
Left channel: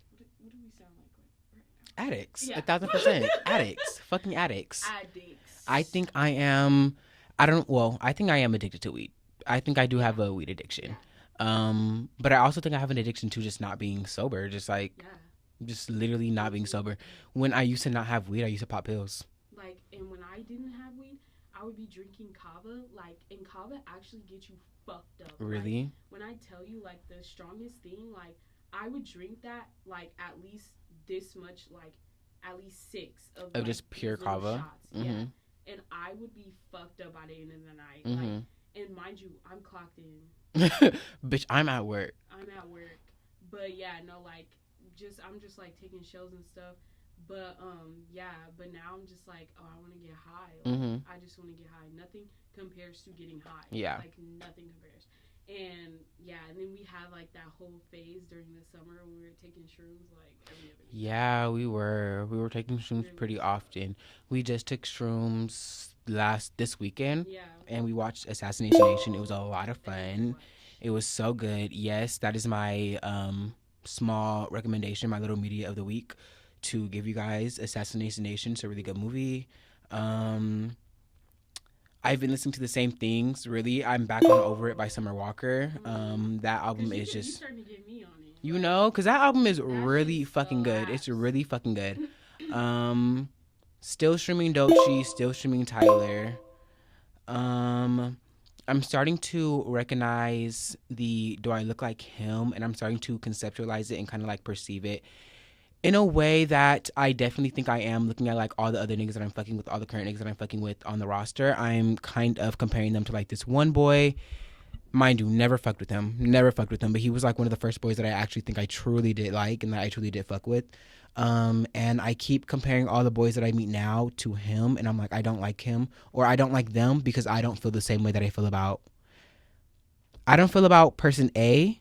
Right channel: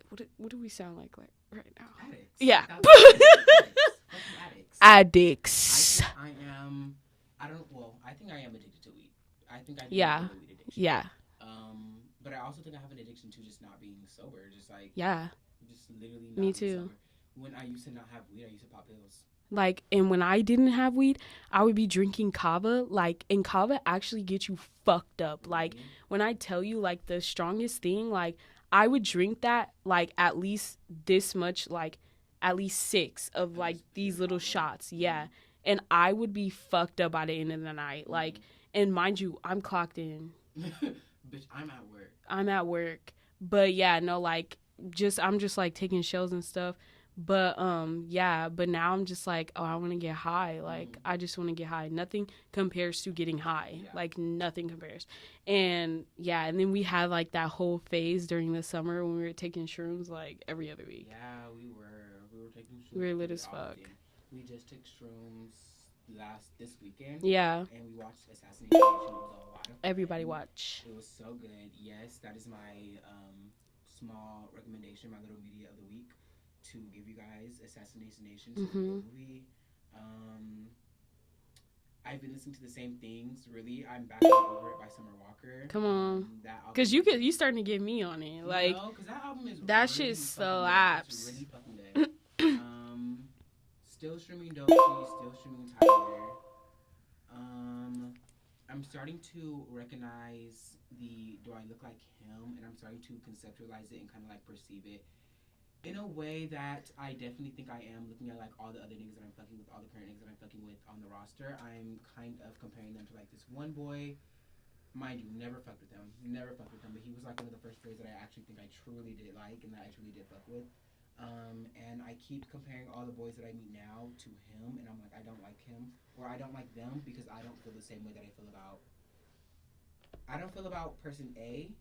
What do we sound like right now? Addicts. Yeah. 1,000%. Addicts. Fucking addicts. Addicts. I think I am addicted to weed. I think I do have a weed addiction. Yeah. But I also think I have an addiction to just not being sober. Just like just literally not being sober. When I used to not have weed, I used to pop pills. Like, and when I didn't have weed, I would be drinking kava. Like, and kava actually gets you fucked up. Really? Like, when I tell you, like, the strongest thing, like, I would drink that, like, at least this much, like, at least 6 of like, these little kava shots. Yeah. And I would be fucked up by the end of the night. Like, and mind you, I'm clocked in. Bitch, I'm at work. But, yeah, no, like, I'm just like taking shells and stuff, but but now I'm just like, oh, I want to get high. Like I just want to get high. Nothing compares to getting high. Like nothing compares. And and then we had like that whole phase during the summer when we were taking shrooms like every other week. Yeah, we were taking shrooms pretty often. We just took shrooms this weekend. Yeah. And we watched Assassination Nation. It was a lot of fun. Everybody watch. It was so good. Yes, that is my small recommendation, my little media of the week, to give you guys. Assassination Nation. It's a really good movie. I've been listening to the same things. Really, I'm back on Over It by Summer Walker. Come on, that album because you starting to get me on it. You know, because that album is really fucking good. It's really fucking good. Still streaming Doechii. Still streaming Tyler. I'm starting to recognize do I look like him? And I'm starting to conceptualize it and kind of like perceive it in a way that I definitely think I am looking at like all the other niggas that I'm fucking with, all the current niggas that I'm fucking with on the roster. I'm kind of comparing them to like this one boy. Mind you, never fucked with him. But he was like one of the first boys that I actually think I truly did like and that I truly did fuck with. And I keep comparing all the boys that I meet now to him, and I'm like, I don't like him, or I don't like them because I don't feel the same way that I feel about person A.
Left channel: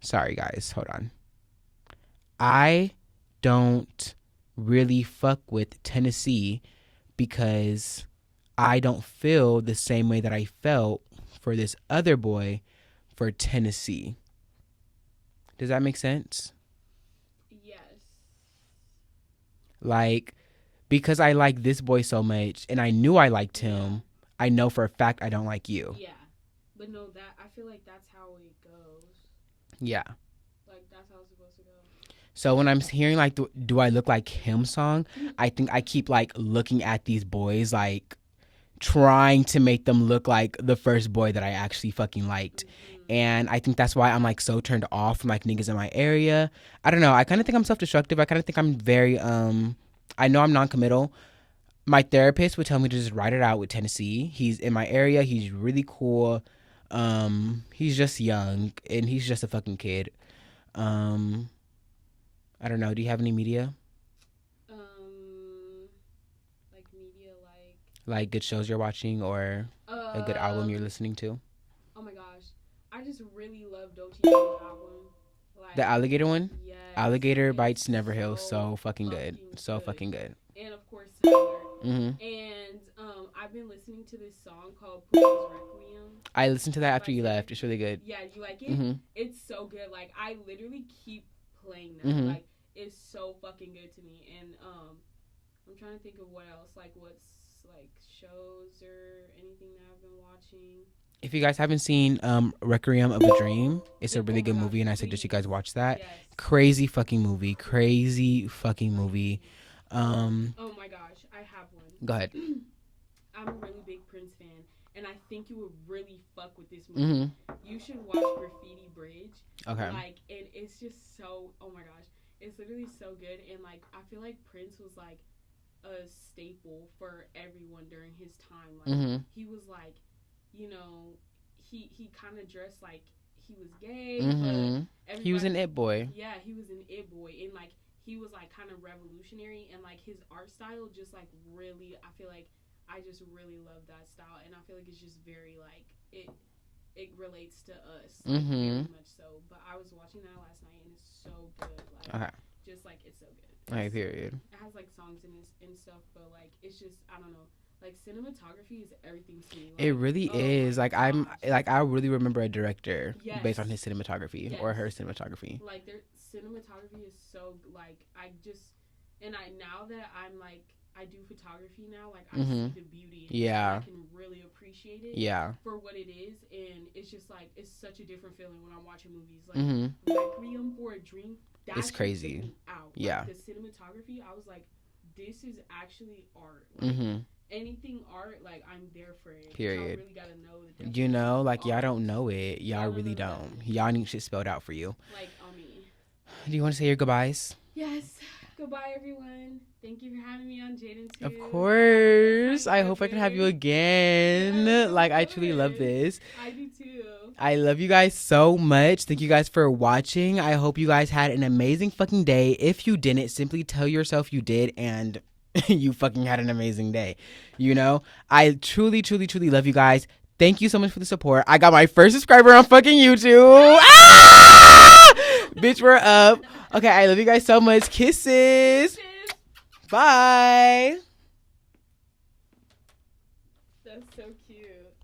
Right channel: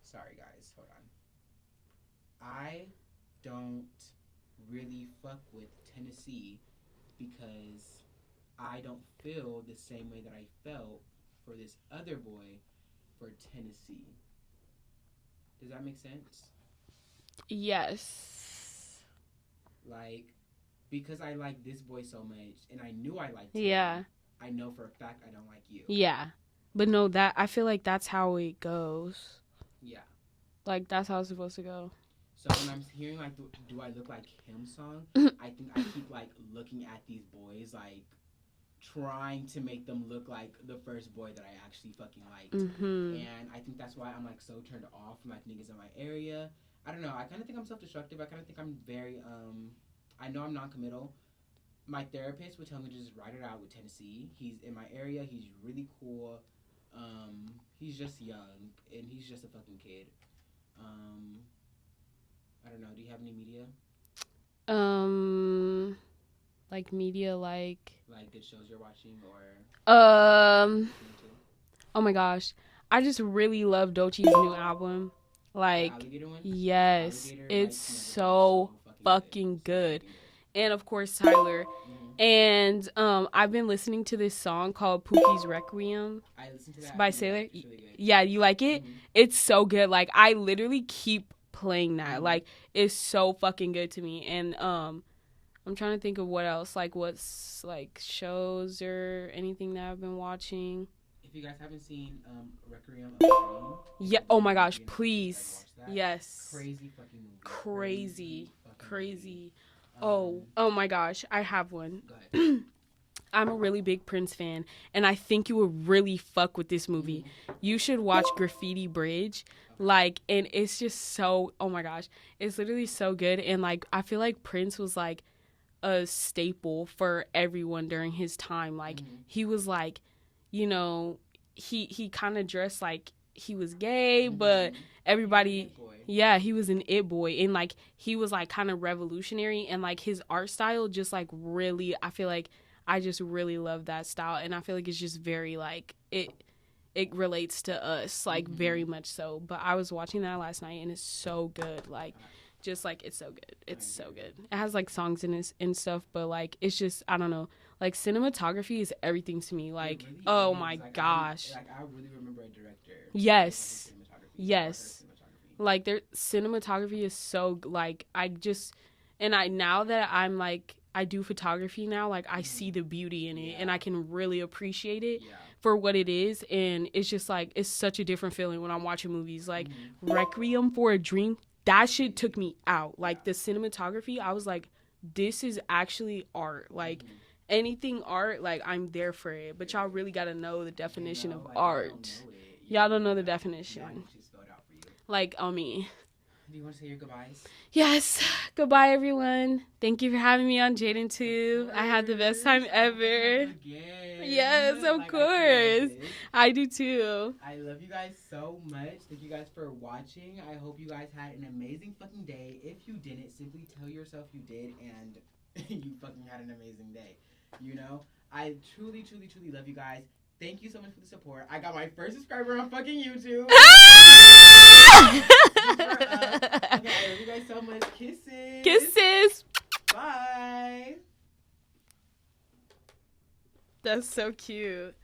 Sorry guys, hold on. I don't really fuck with Tennessee because I don't feel the same way that I felt for this other boy for Tennessee. Does that make sense? Yes. Like, because I like this boy so much and I knew I liked him, I know for a fact I don't like you. Yeah. But no, that I feel like that's how it goes. Yeah. Like, that's how it's supposed to go. So when I'm hearing, like, do I look like him song, I think I keep, like, looking at these boys, like, trying to make them look like the first boy that I actually fucking liked. Mm-hmm. And I think that's why I'm, like, so turned off from, like, niggas in my area. I don't know. I kind of think I'm self-destructive. I kind of think I'm very, I know I'm non-committal. My therapist would tell me to just write it out with Tennessee. He's in my area. He's really cool. He's just young, and he's just a fucking kid. I don't know. Do you have any media? Like media, like good shows you're watching or a good album you're listening to? Oh my gosh, I just really love Doechie's new album. Like the Alligator one? Yes. Alligator Bites Never Heal. So fucking good. So fucking good. And of course Tyler. Mm-hmm. And I've been listening to this song called Pookie's Requiem. I listened to that after you left. It's really good. Yeah, you like it? Mm-hmm. It's so good. Like, I literally keep playing that. Mm-hmm. Like, it's so fucking good to me. And I'm trying to think of what else, like what's like shows or anything that I've been watching. If you guys haven't seen Requiem of a Dream, it's a really good movie, and I suggest you guys watch that. Yes. Crazy fucking movie. Crazy fucking movie. Oh my gosh, I have one. Go ahead. I'm a really big Prince fan, and I think you would really fuck with this movie. Mm-hmm. You should watch Graffiti Bridge. Okay. Like, and it's just so, oh my gosh, it's literally so good. And like, I feel like Prince was like a staple for everyone during his time. Like, he was like, you know, he kind of dressed like he was gay, but everybody, he was an it boy. Yeah, he was an it boy, and like he was like kind of revolutionary, and like his art style just like really, I feel like I just really love that style, and I feel like it's just very like it relates to us, like very much so. But I was watching that last night, and it's so good. Like, just like it's so good. It's so good. It has like songs in it and stuff, but like it's just, I don't know. Like, cinematography is everything to me. Like, it really is. Like, gosh. I really remember a director based on his cinematography or her cinematography. Like, their cinematography is so, like, now that I'm like, I do photography now, like, I see the beauty in it, and I can really appreciate it for what it is. And it's just like, it's such a different feeling when I'm watching movies. Like, Requiem for a Dream, that shit took me out. Like, the cinematography, I was like, this is actually art. Like, anything art, like, I'm there for it. But y'all really gotta know the definition. You know, like, art. Y'all don't know it. Y'all don't know the definition. Y'all need shit spelled out for you. Like, on me. Do you want to say your goodbyes? Yes. Goodbye, everyone. Thank you for having me on Jadenntube. Of course. I had the best time ever. I hope I can have you again. Yes, of course. I truly love this. I do too. I love you guys so much. Thank you guys for watching. I hope you guys had an amazing fucking day. If you didn't, simply tell yourself you did, and you fucking had an amazing day. You know, I truly, truly, truly love you guys. Thank you so much for the support. I got my first subscriber on fucking YouTube. Bitch, we're up. Okay, I love you guys so much. Kisses. Kisses. Bye. That's so cute.